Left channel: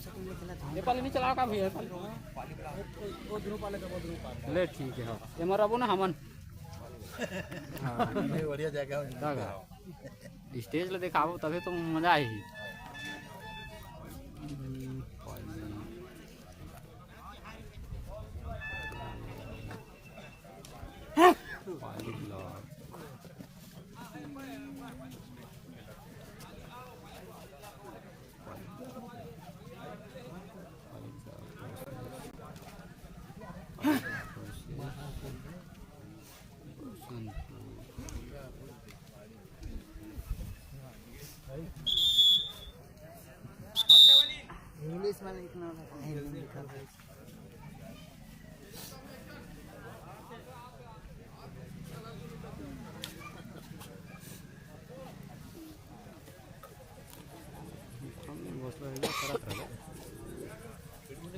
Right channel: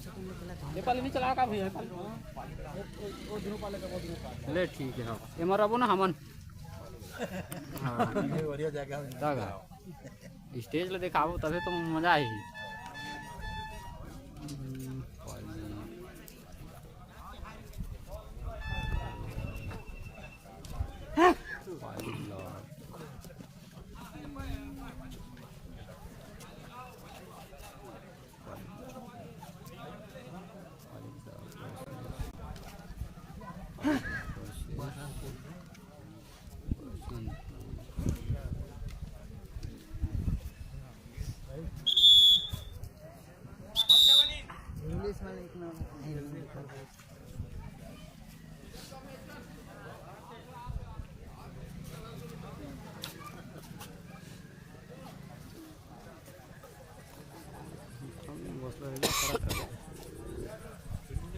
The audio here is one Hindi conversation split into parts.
नेपाली नहीं चलाओ का भैया ले ठीक है ये मर अब ना हमन बढ़िया जगह स्टेज ले दिखाओ तभी तो मजा आई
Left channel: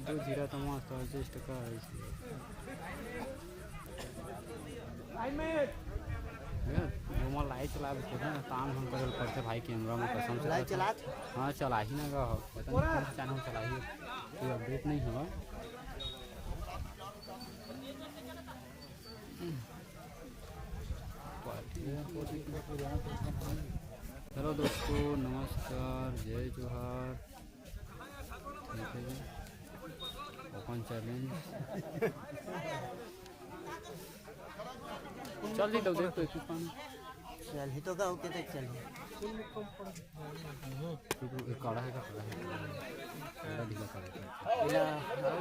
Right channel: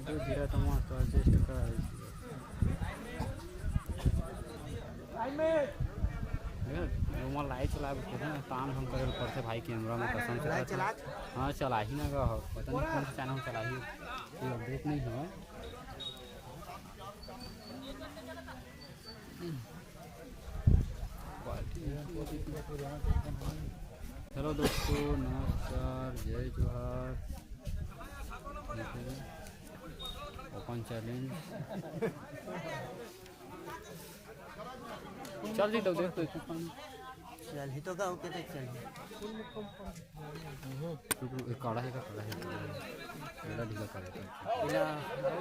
दो जीरा तो मस्त एडजस्ट कर रूमा लाइट चला काम हम करे पड़ते भाई कैमरा में कसम से हाँ चला ही ना गा पता नहीं कौन सा चैनल चला ही कोई अपडेट नहीं है चलो दोस्तों नमस्कार जय जोहार ओपन चैलेंज चल जी तो देख तो चल ही तो गाँव के तक चल काढ़ा है काढ़ा है ढीला कर इला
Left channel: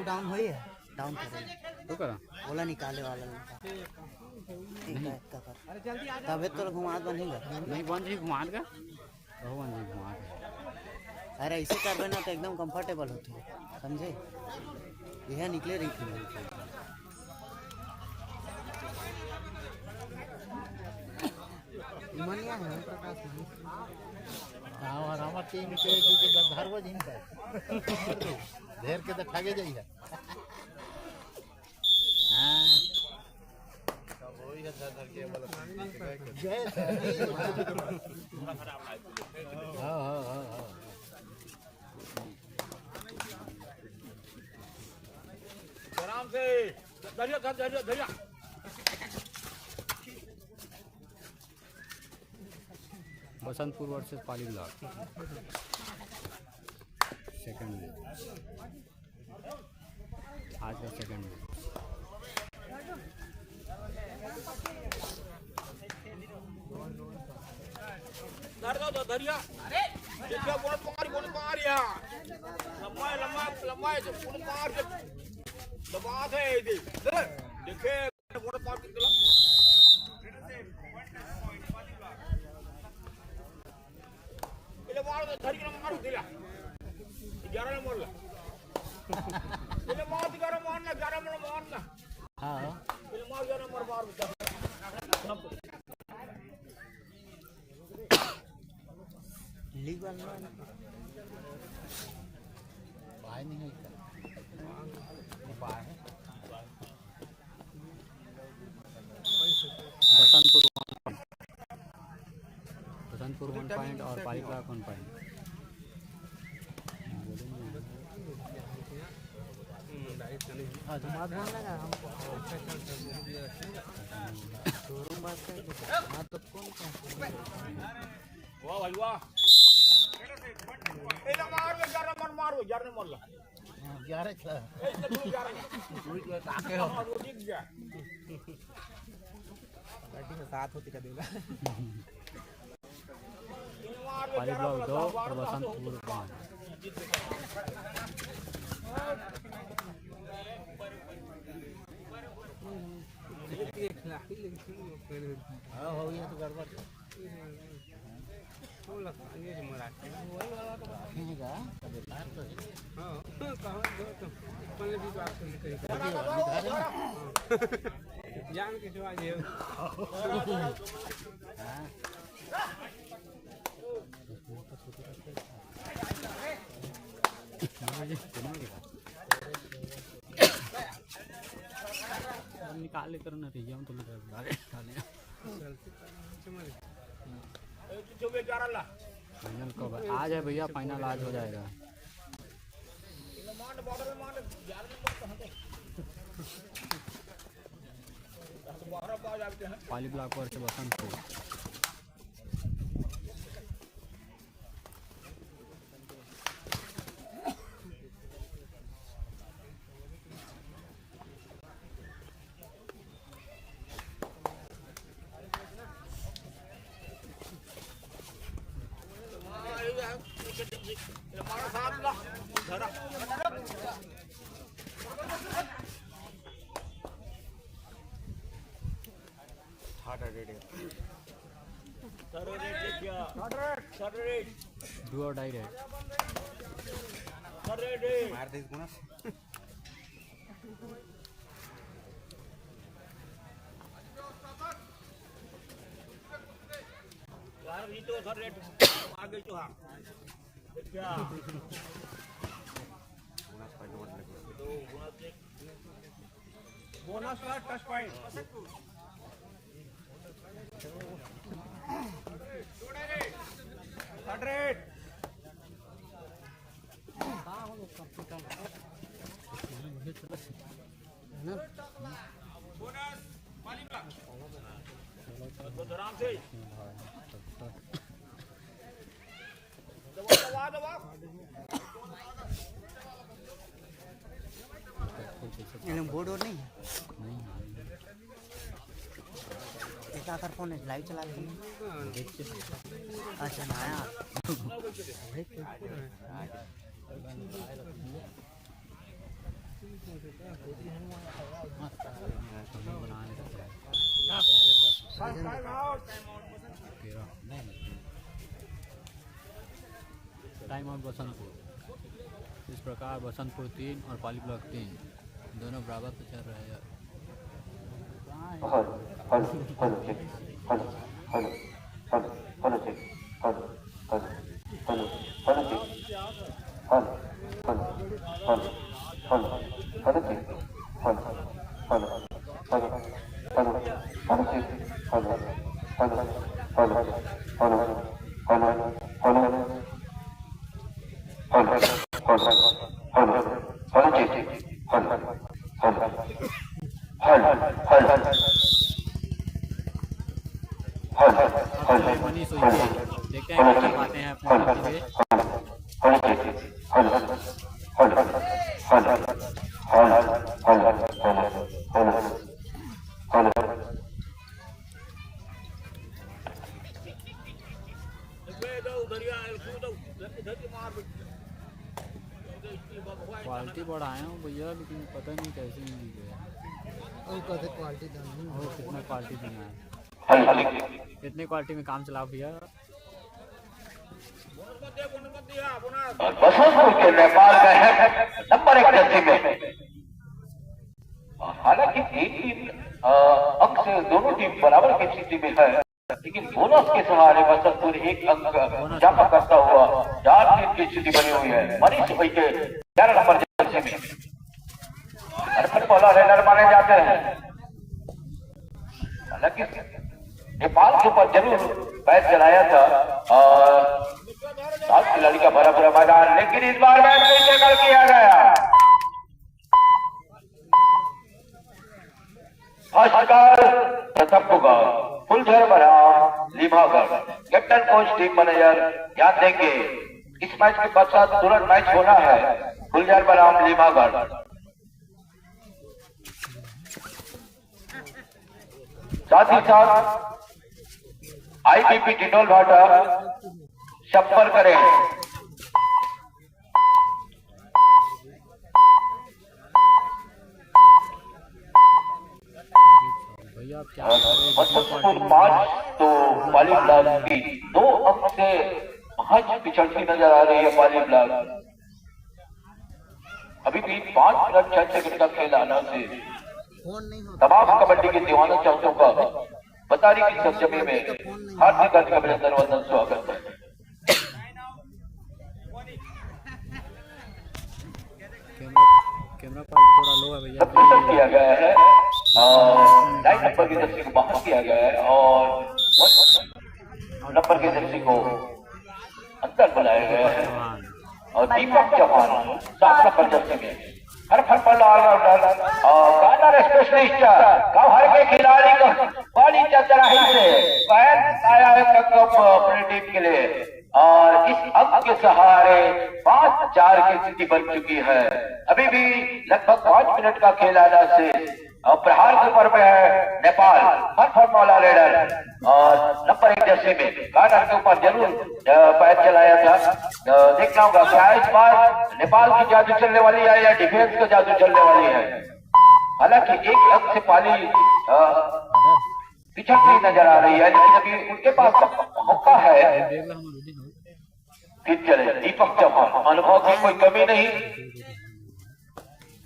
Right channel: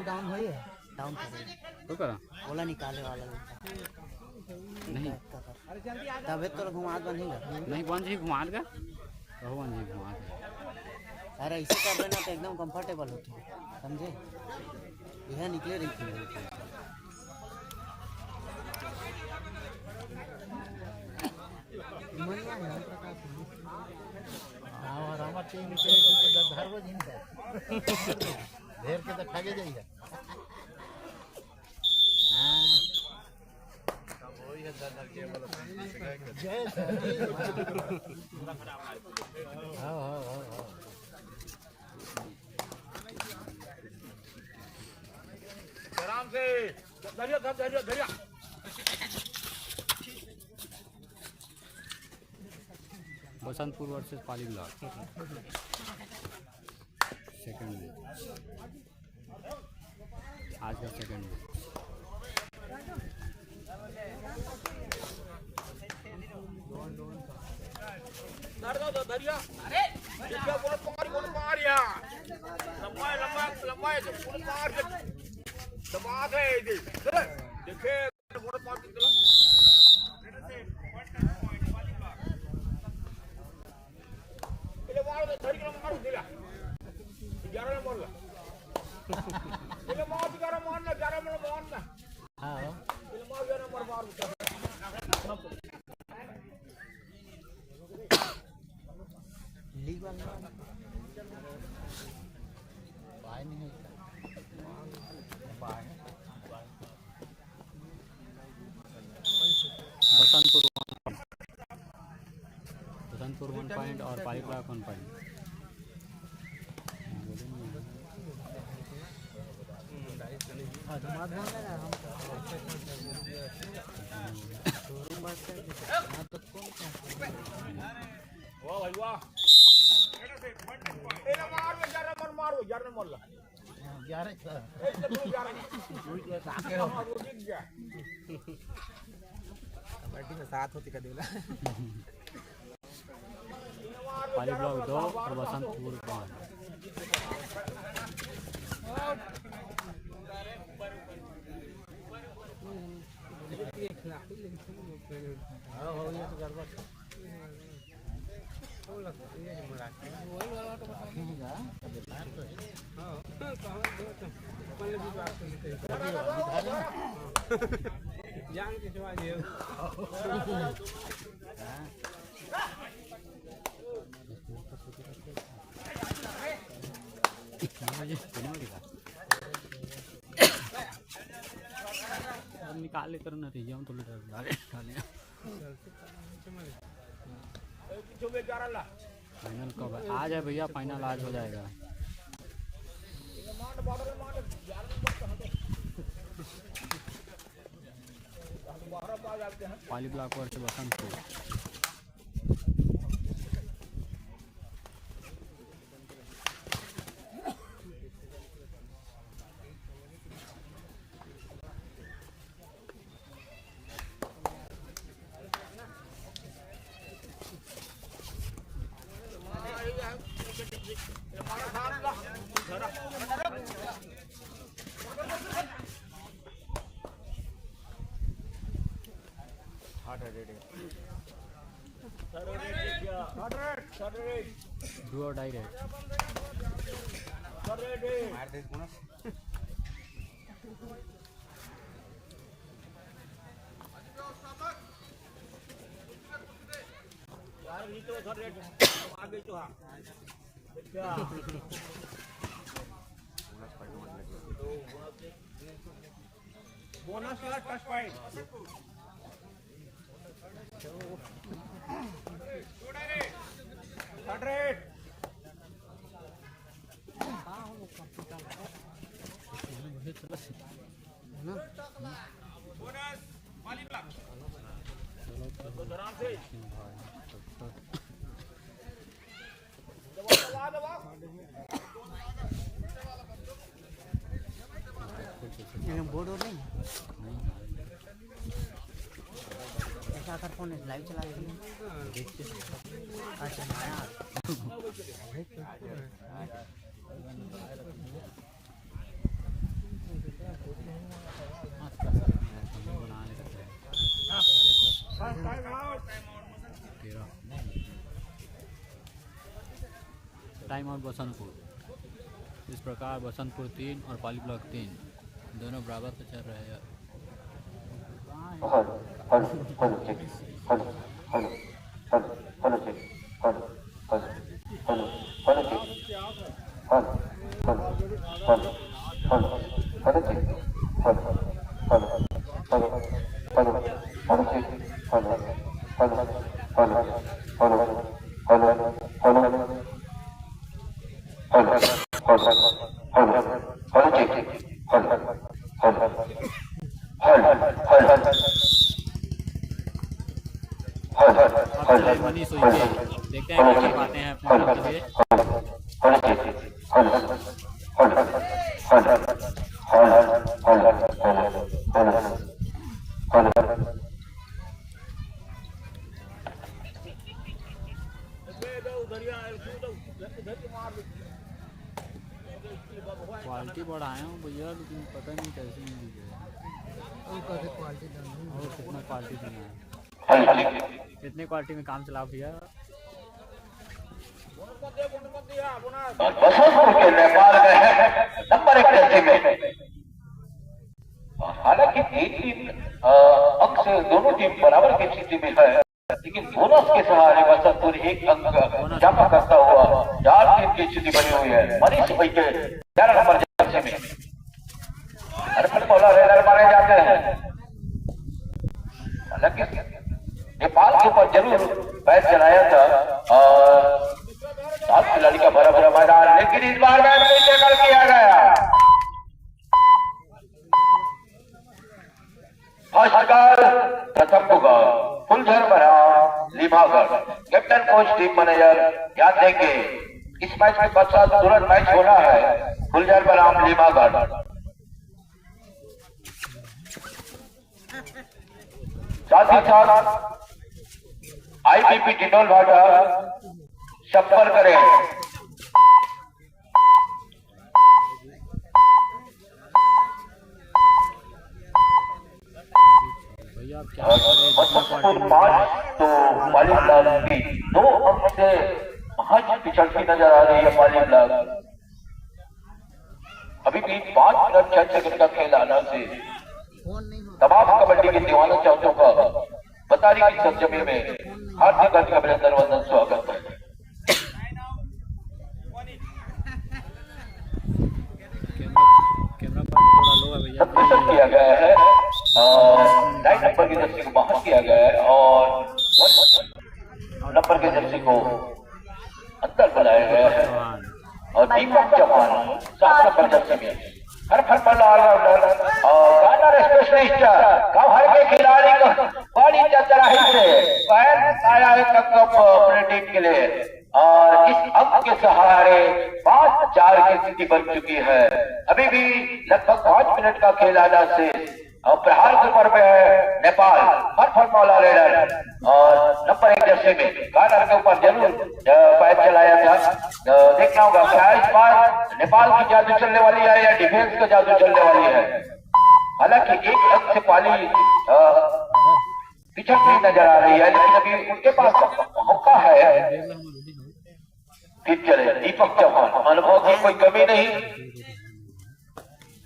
डाउन होई है डाउन करे तो करा ओला निकाले वाला नहीं तबे तो घुमात बनेगा नहीं बन जी घुमा का तो बन जी घुमा अरे ऐसे कर देना तो एकदम कंफर्टेबल होती है समझे यह निकले रही थी मनिया है प्रकाश हमारा टीम के घर वो जिन का ढेर के तो खागे जाइए हां वही है दादर के वाला जय हां आराम से धैर्य Basantpur versus Pali block second match आज का सेकंड मैच बसंतपुर 1 पॉइंट और पाली ब्लॉक 1 पॉइंट साथ होती का देला पाली ब्लॉक 2 और Basantpur 1 Yang cái cho nhiều. निकाल लेकर ना रही हम तो लेकर फाइनल कब है? आज है भैया, फाइनल आज हो जाएगा। पाली ब्लॉक वर्ष बसंतपुर। डू और डाई रेड। बोनस का टच पॉइंट बोर्ड और नहीं ऐसा कर फोन लाइव चला रहे अच्छा बनाने का टाइम आउट बसंतपुर। इस प्रकार बसंतपुर 3 और पाली ब्लॉक 3 दोनों बराबर से चल रहे हैं। मनी सोचिए देखते हैं क्या कर पाते हैं अपने लिए। क्वालिटी बढ़ाया हूँ भैया, लेकिन पता नहीं कैसे मिल गया और कितना क्वालिटी देना है। कितने क्वालिटी में काम चला भैया। बसंतपुर के नेपाल में है नंबर 1 जर्सी में। हालांकि एक टीम अंक से दोनों टीम बराबर की स्थिति में है, लेकिन बोनस के सहारे बसंतपुर एक अंक जमा करता हुआ 4-3 की स्थिति बनी हुई है। मनीष भाई के 11 नंबर जर्सी में रेलर मारे जाते हैं। हालांकि नेपाल के ऊपर जरूर मैच चलाया था 7 खिलाड़ी का भरा भरा मैदान, लेकिन इस बार मैच को टैकल किया गया। प्रथम होगा फुलझर बना लीमागढ़। कैप्टन कोच टीम मैनेजर ध्यान देंगे, इस मैच के पश्चात तुरंत मैच होना है फुलझर बनाम लीमागढ़। साथ ही साथ IBP टिटोल भाटा संपर्क करें। भैया आप क्या करें, जितना तो पाली ब्लॉक की 2 अंक से महज पिछड़ती नजर आ रही है पाली ब्लॉक। अभी भी 5 मिनट 6 सेकंड का खेल आना से तमाम कबड्डी के दीवाना चाहतों का बतारी की सरजमी में हार्दिक अभिनंदन वंदन स्वागत है। कैमरा पार्ट थोड़ा लो है भैया। किया गया है 9 नंबर की जर्सी को बाहर किया गया है और 1 नंबर की जर्सी को अंदर बुलाया गया है। और दीपक चौहान 7 नंबर जर्सी में हर फल ऑलराउंडर स्पेशलिस्ट हर के खिलाड़ी को बड़ी चतुराई से आया है कप अपने टीम के लिए और इस अंक के सहारे 5-4 की स्थिति बन चुकी है। अभी भी लगभग 5 मिनट का खेल आना से और प्रहार के ऊपर में है नेपाल हर मौला रेडर और नंबर 1 जर्सी में कार्डर के ऊपर जरूर पैर चलाया था। देखना होगा क्या इस बार नेपाल की जादू चलने वाली है या डिफेंस की जादू चलने वाली है। हालांकि एक अंक से पाली पिछड़ती नजर आ रही है लेकिन अभी उनके पास मौका है। फिर चले दीपक चौहान अनुभव की कोई कमी नहीं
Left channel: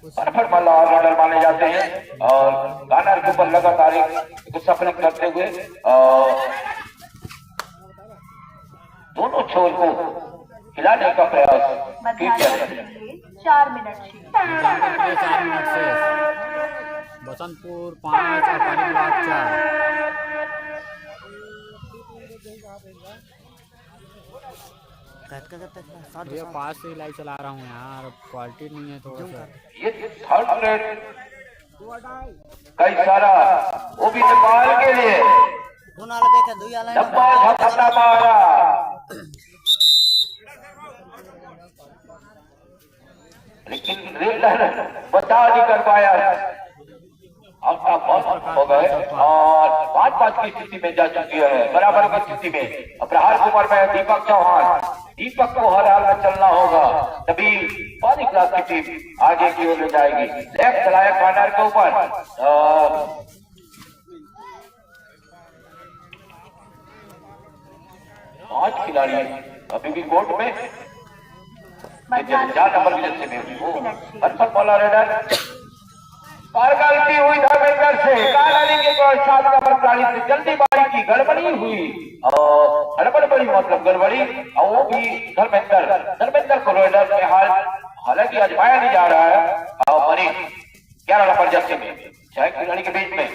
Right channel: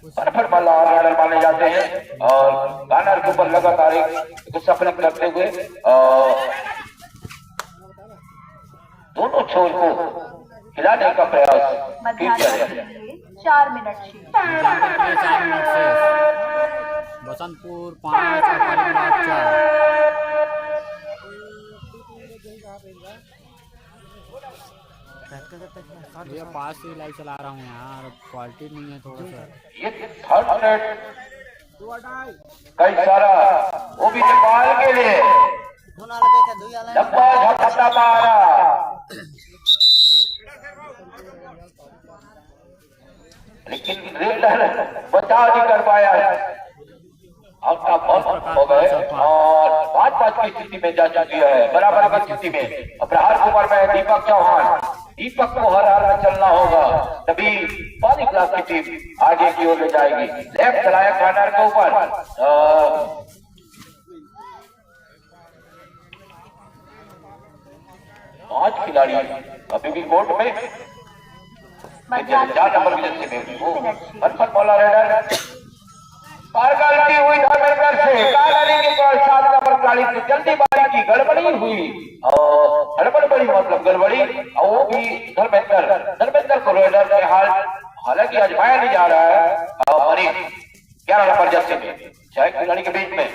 ऑलराउंडर माने जाते हैं और गानर के ऊपर लगातार एक सफल करते हुए दोनों छोर को हिलाने का प्रयास फिर चले। 4 मिनट 4 मिनट से बसंतपुर 5 और पाली ब्लॉक 4। ये पास से लाइट चला रहा हूँ यार क्वालिटी नहीं है थोड़ा सा। ये थर्ड रेड कई सारा वो भी नेपाल के लिए लंबा झटका मारा लेकिन रेडर बचा नहीं कर पाया। हो गए और 5-5 की स्थिति में जा चुकी है बराबर की स्थिति में। प्रहार कुमार में दीपक चौहान दीपक को हर हाल में चलना होगा तभी पाली क्लास की टीम आगे की ओर ले जाएगी। लेफ्ट चलाया कॉर्नर के ऊपर 5 खिलाड़ी अभी भी कोर्ट में 4 नंबर में बॉलर रेडर गलती हुई धर्मेंद्र से के 7 नंबर खिलाड़ी से जल्दीबाजी की गड़बड़ी हुई और हड़बड़ी मतलब गड़बड़ी और वो भी धर्मेंद्र को रेडर के हालांकि आजमाया नहीं जा रहा है। और 11 नंबर जर्सी में 6 खिलाड़ी के बीच में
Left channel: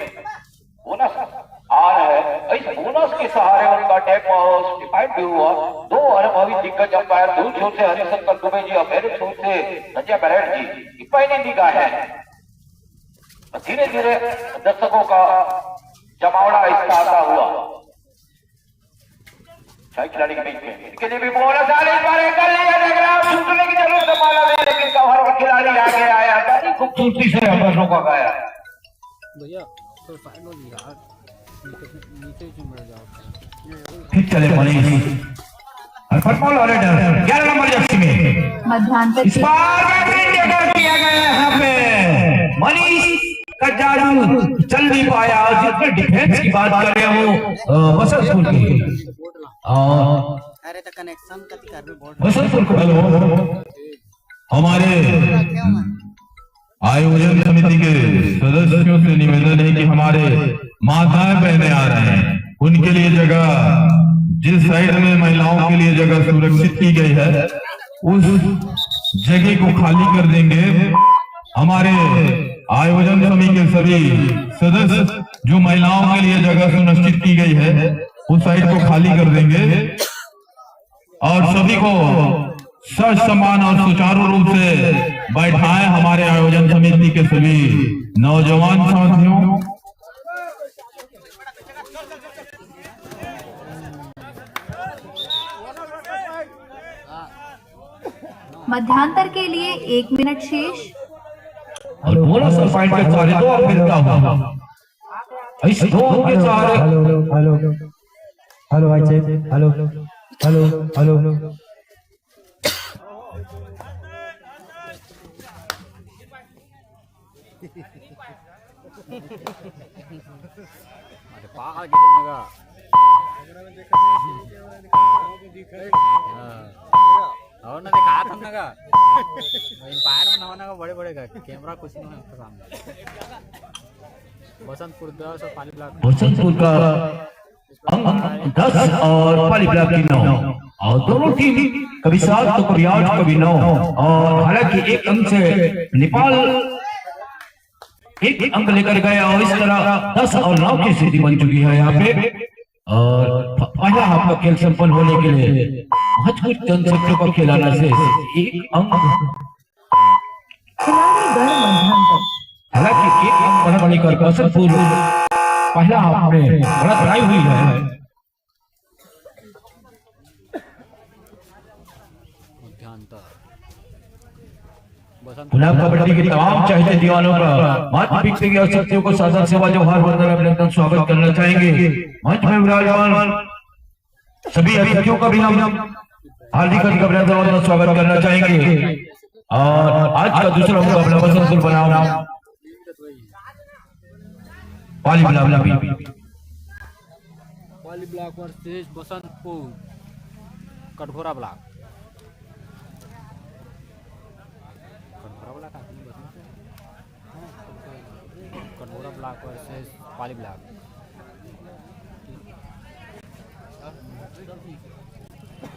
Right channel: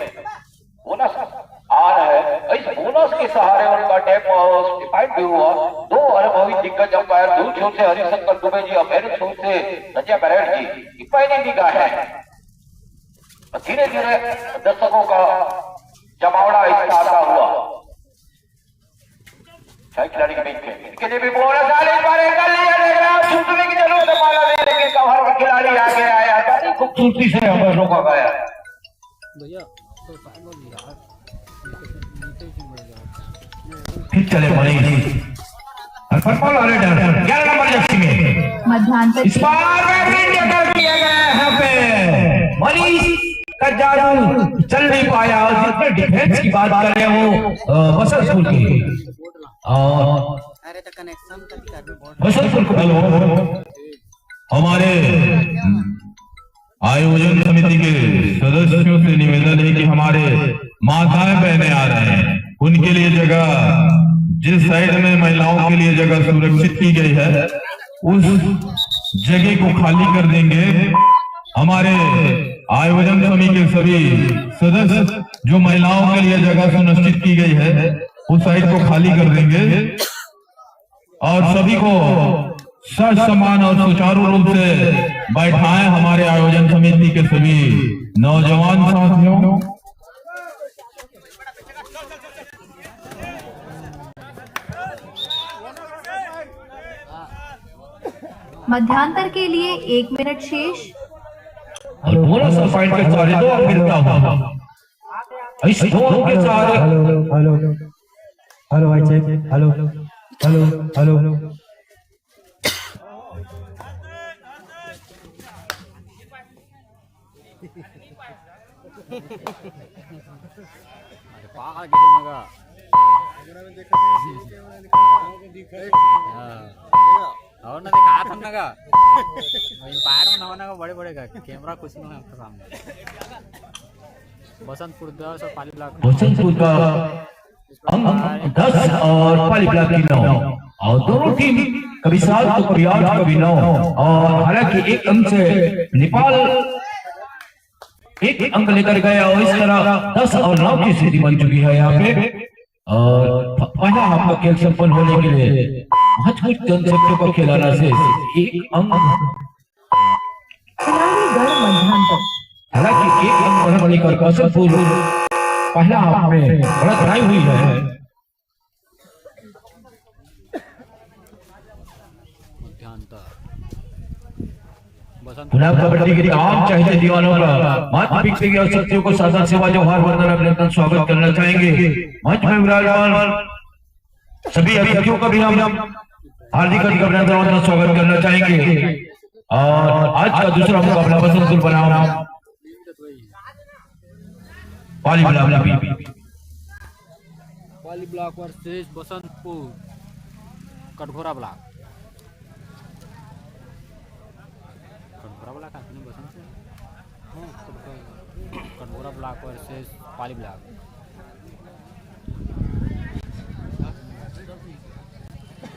बोनस आ रहा है। इस बोनस के सहारे उनका टैप डिफाइंड भी हुआ। 2 अनुभवी दिग्गज अंपायर दूर छोर से हरिशंकर दुबे जी और मेरे छोर से संजय बरेट जी पहले निगाह है। धीरे धीरे दर्शकों का जमावड़ा इसका आता हुआ 6 खिलाड़ी के बीच में कितने भी बोनस आ रही बार कर लिया देख रहा छूटने की जरूरत है माला में लेकिन कवर का खिलाड़ी आगे आया बड़ी खूबसूरती से हमें रोका गया। भैया तो फाइनल यार नीचे क्यों बढ़ जाओ फिर चले भाई फुटबॉल वाले 11 नंबर जर्सी में मध्यांतर इस बार कर किया गया है यहाँ पे मनीष का जादू चल नहीं पाया। जितने डिफेंस की बात कर रहा हूँ बसंतपुर की और बसंतपुर को हमारे आयोजन समिति के सदस्यों से निवेदन है कि हमारे माताएं बहनें आ रहे हैं उनके लिए जगह जिस साइड में महिलाओं के लिए जगह सुरक्षित की गई है उस जगह को खाली कर देंगे। हमारे आयोजन समिति के सभी सदस्य जो महिलाओं के लिए जगह सुनिश्चित की गई है उस साइड को खाली कर देंगे और सभी को सर सम्मान और सुचारू रूप से बैठाएं। हमारे आयोजन समिति के सभी नौजवान साथियों मध्यांतर के लिए 1 मिनट शेष। बोला सर फाइट के सहारे 2 अंक मिलता हुआ इस 2 अंक के सहारे हेलो भाई चेक हेलो अरे पागल किसी लगा और ना दिखा था ना का एम्पायर में ना का बड़े बड़े का कैमरा कुछ नहीं है सामने। बसंतपुर 10 और पाली ब्लॉक बसंतपुर का अंक 10 और पाली ब्लॉक की 9 और दोनों टीम कभी 7 तो कभी 8 कभी 9 और हालांकि 1 अंक से नेपाल 1 अंक लेकर गया और इस तरह 10 और 9 की स्थिति बन चुकी है यहाँ पे। और पहला हाफ का खेल संपन्न होने के लिए मजबूत कंदरक्टर को खिलाने से एक अंक, हालांकि एक अंक बढ़ाने वाली कर बसंतपुर पहला आपने बढ़त बनाई हुई है। मध्यांतर बसंत गुलाब कबड्डी के तमाम चाहते दीवानों का माता पिता की शक्तियों को सादर सेवा जोहार वंदन अभिनंदन स्वागत करना चाहेंगे। मंच में विराजमान सभी अतिथियों का भी हम हार्दिक अभिनंदन और स्वागत करना चाहेंगे। और आज का दूसरा मुकाबला बसंतपुर बनाम Pali block versus Basantpur Katghora block. Katghora block versus Pali block.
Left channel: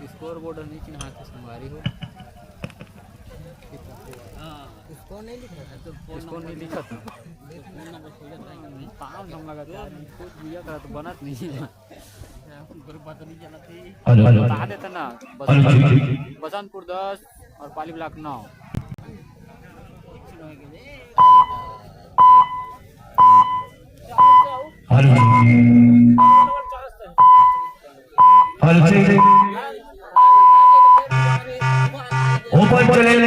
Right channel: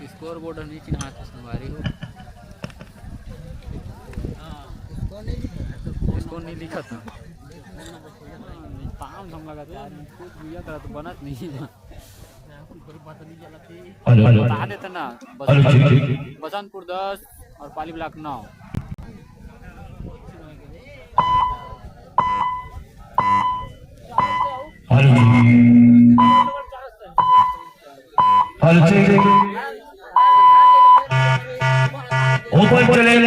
Scoreboard नीचे नहा के संगवारी हो, इसको नहीं लिखा था पाम हम लगा यार कुछ बुझा था तो बनत नहीं है। बता देते ना बसंतपुर 10 और पाली ब्लॉक 9। ओपन चैलेंज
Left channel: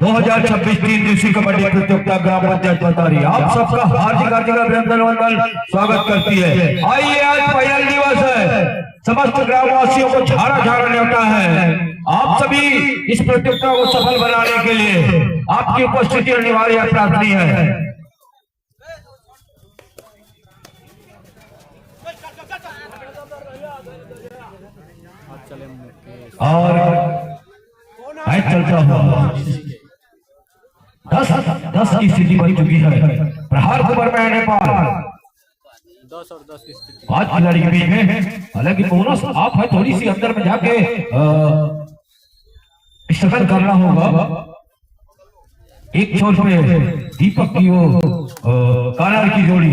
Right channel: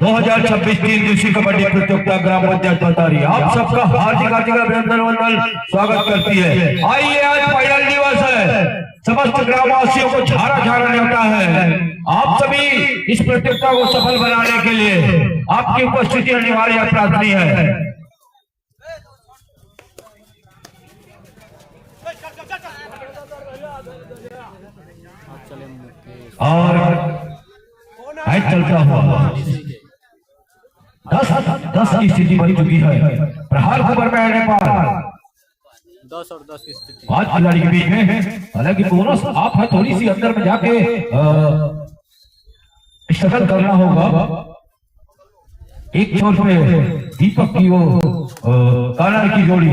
2026 तीन दिवसीय कबड्डी प्रतियोगिता ग्राम पंचायत पतारी आप सबका हार्दिक अभिनंदन वंदन स्वागत करती है। आइए, आज फाइनल दिवस है, समस्त ग्रामवासियों को झारा झारा न्योता है। आप सभी इस प्रतियोगिता को सफल बनाने के लिए आपकी उपस्थिति अनिवार्य प्रार्थनीय है। और बाइक चलता हुआ 10 की स्थिति बन चुकी है। प्रहार खबर में नेपाल 10 और 10 की स्थिति 5 खिलाड़ी के बीच में, हालांकि बोनस आप है थोड़ी सी अंदर में जाके स्ट्रगल करना होगा। एक छोर पे दीपक की वो काला की जोड़ी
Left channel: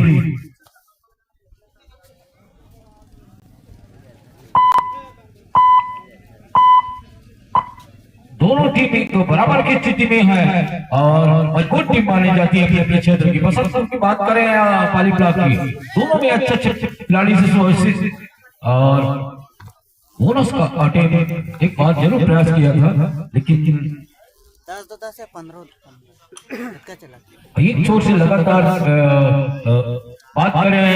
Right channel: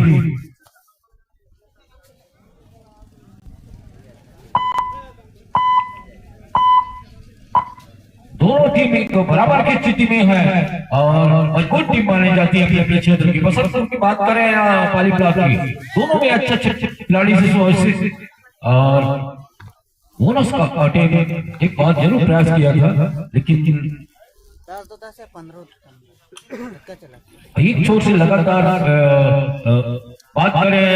दोनों टीम तो बराबर की स्थिति में है और मजबूत टीम मानी जाती है अपने अपने क्षेत्र की। बसंतपुर की बात करें या पाली ब्लॉक की, दोनों में अच्छे अच्छे खिलाड़ी से सुव्यवस्थित और बोनस का काटे में एक बार जरूर प्रयास किया था, लेकिन 10 से 15 चला एक छोर से लगातार बात करें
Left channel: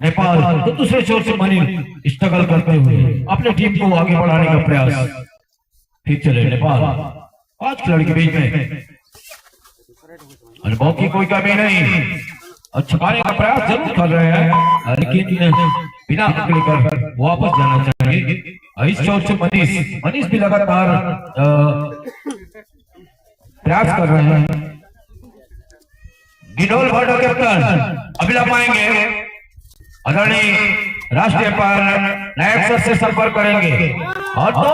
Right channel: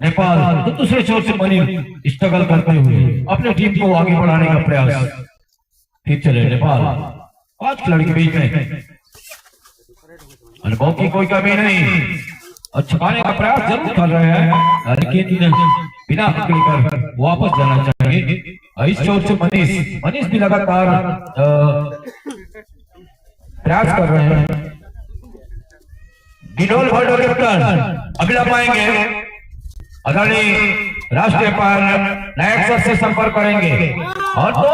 नेपाल तो दूसरे छोर से मनी स्ट्रगल करते हुए अपने टीम को आगे बढ़ाने का प्रयास। ठीक चले नेपाल 5 खिलाड़ी के बीच में, अनुभव की कोई कमी नहीं और छुपाने का प्रयास जरूर कर रहे हैं, लेकिन बिना पकड़ कर वापस जाना चाहिए। इस छोर से मनीष भी लगातार प्रयास कर रहे हैं। गिडोल भाटो कैप्टन अगला पाएंगे, आदरणीय राष्ट्रीय नायक सर से संपर्क करेंगे और वो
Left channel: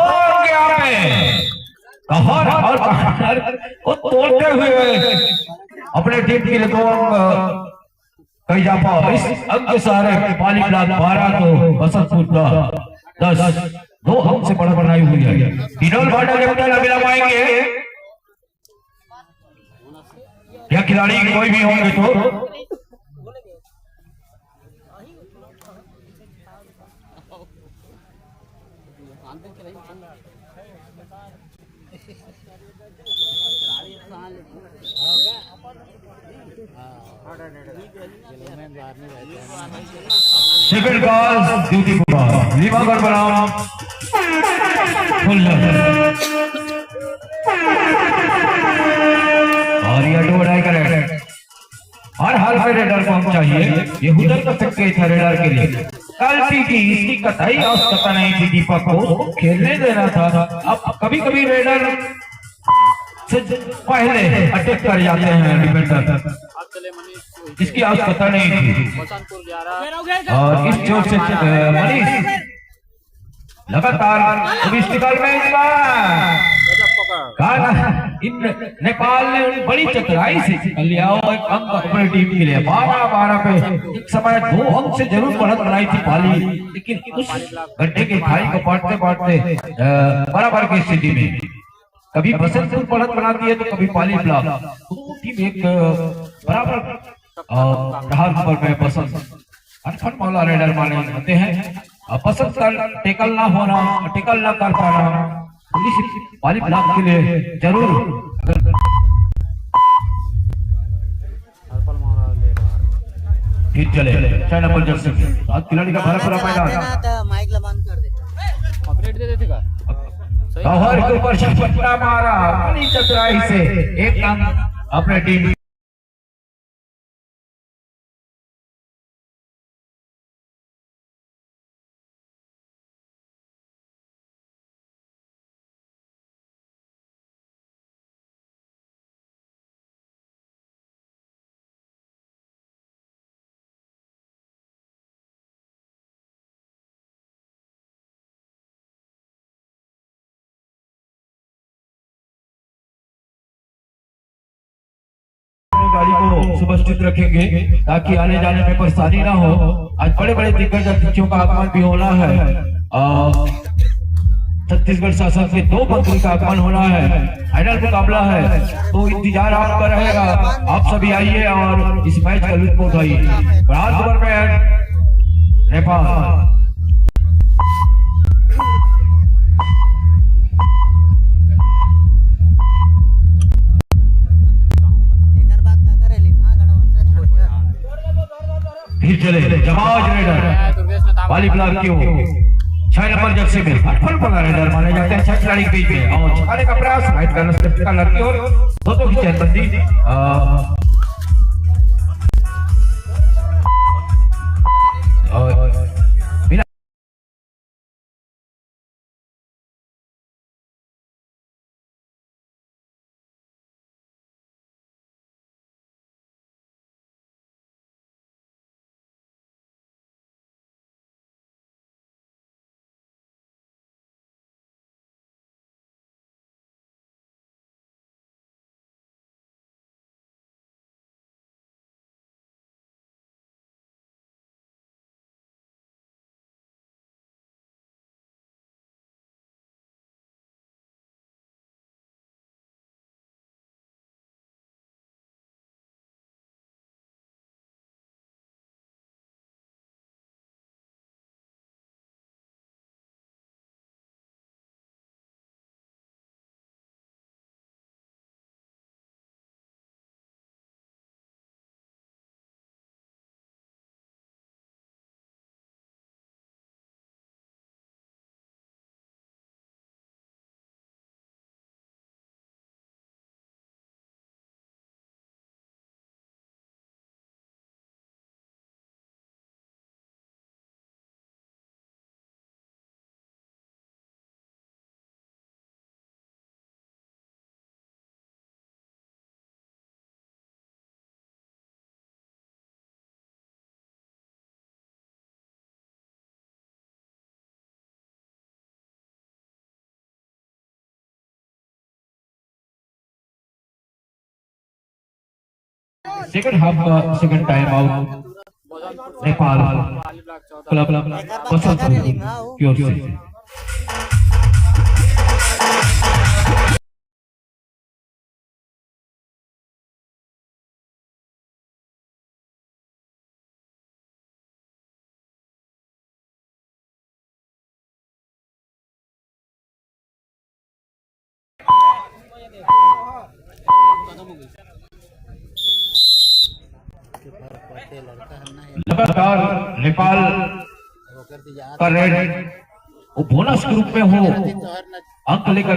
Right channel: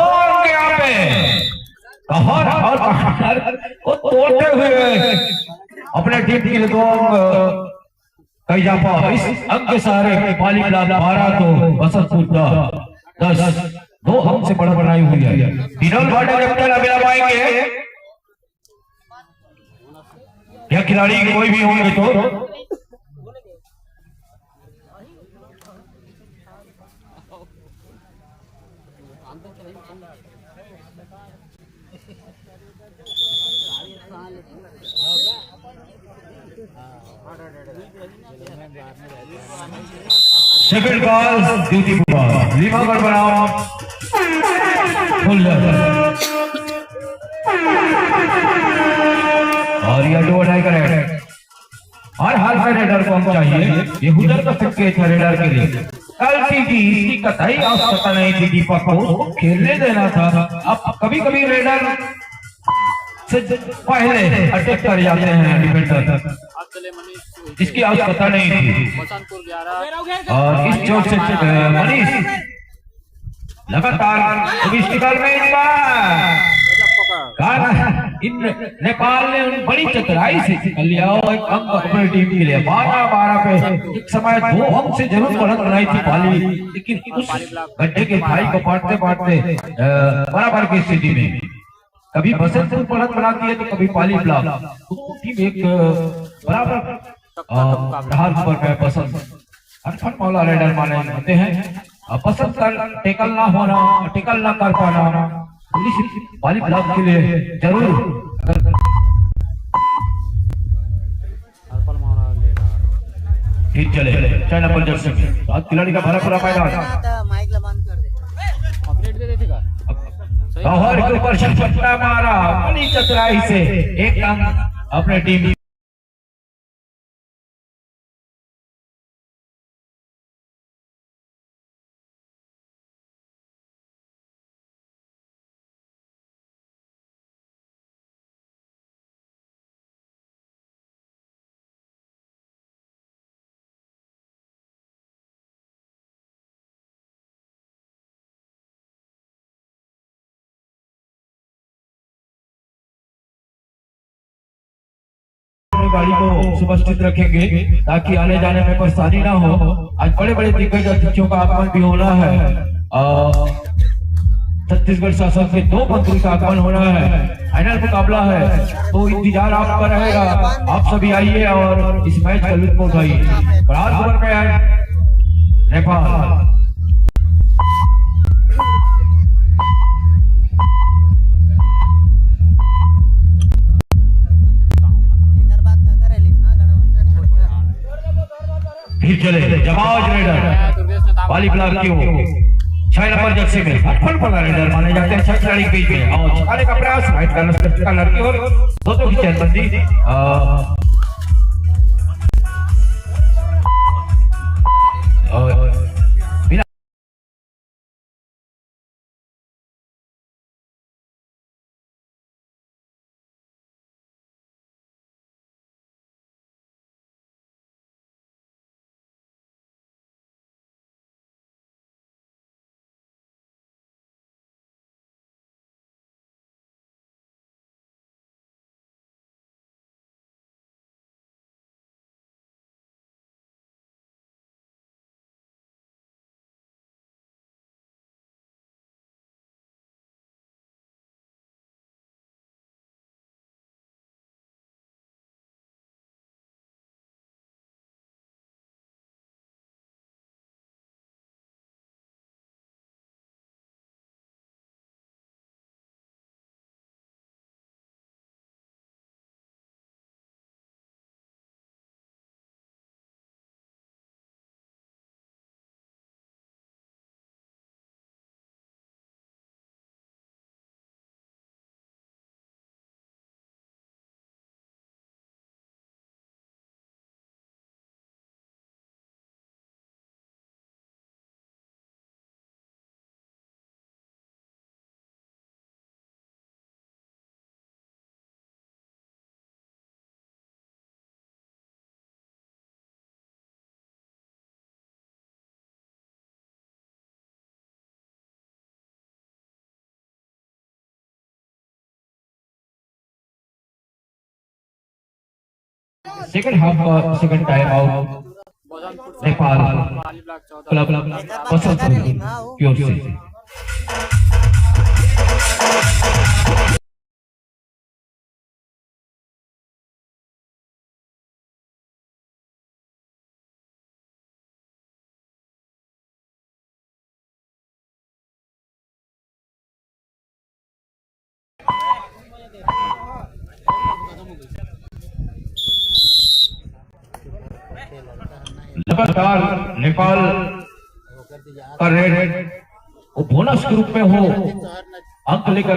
तोड़ते हुए अपने टीम के लिए कई जापा इस अंक के सहारे पाली ब्लॉक 12 तो बसंतपुर 10 2 अंक से बढ़ बनाई हुई है। गिडोल भाटो कैप्टन अभी आएंगे, क्या खिलाड़ी कोई भी होंगे तो सेकंड कॉल ड्यूटी पूरा लीमागढ़ बनाम और ये अड्डा करे हर हाल में रेडर को हम चाहिए। ये हुदर का संकेत है रेडर के लिए। कल्टी की इसकी कतई आवश्यकता नहीं थी, दीपक को खेलने देना था। अब कभी कभी रेडर से पहले अटैक कर जाते हैं डिफेंडर, इसकी आवश्यकता नहीं थी। बसंतपुर 11 और इस चोट से मनीष लगातार में इन नेपाल ने उन बड़ी चतुराई से निकाल लिया और एक अंक अपनी टीम के लिए 12-12 पे एक समय 2 अंक से जरूर बढ़त बनाई थी पाली, लेकिन उस गड्ढे के खाई को पाटते पाटते बराबर की स्थिति में कभी बसंतपुर बढ़त बनाती है तो कभी पाली ब्लॉक टीम एक बराबर प्रहार पर गए पसंद अटफट मौला रेडर माने जाते हैं। पसंद कर टेकल ना होना, टेकल ना कर पाना पुलिस पाली ब्लॉक के लिए जरूर ठीक चले। 6 नंबर जर्सी 7 खिलाड़ी का भरा पूरा मैदान माइक ला बंद कर दे। अपडेट दे देते का गौहर के ऊपर छपटा मारा बड़ी चतुराई से एक अंक अपने टीम गाड़ी को सुव्यवस्थित रखेंगे ताकि आने जाने में परेशानी ना हो। आज बड़े बड़े दिग्गज अतिथियों का आगमन भी होना है। छत्तीसगढ़ शासन से 2 मंत्री का आगमन होना है। फाइनल मुकाबला है तो इंतजार आपका रहेगा। आप सभी आइए और इस मैच का लुत्फ उठाइए। बराबर में नेपाल फिर चले जमाज रेडर वाली ब्लॉक की ओर 6 नंबर जर्सी में फटफट वाला रेडर माने जाते हैं। 6 खिलाड़ी के बीच में और छाने का प्रयास राइट का लड़की और दोनों की चैनबंदी सेकंड हाफ का second time out Nepal club Basantpur की ओर से। लगातार नेपाल का रेड वो बोनस के रूप में हो अंक लेकर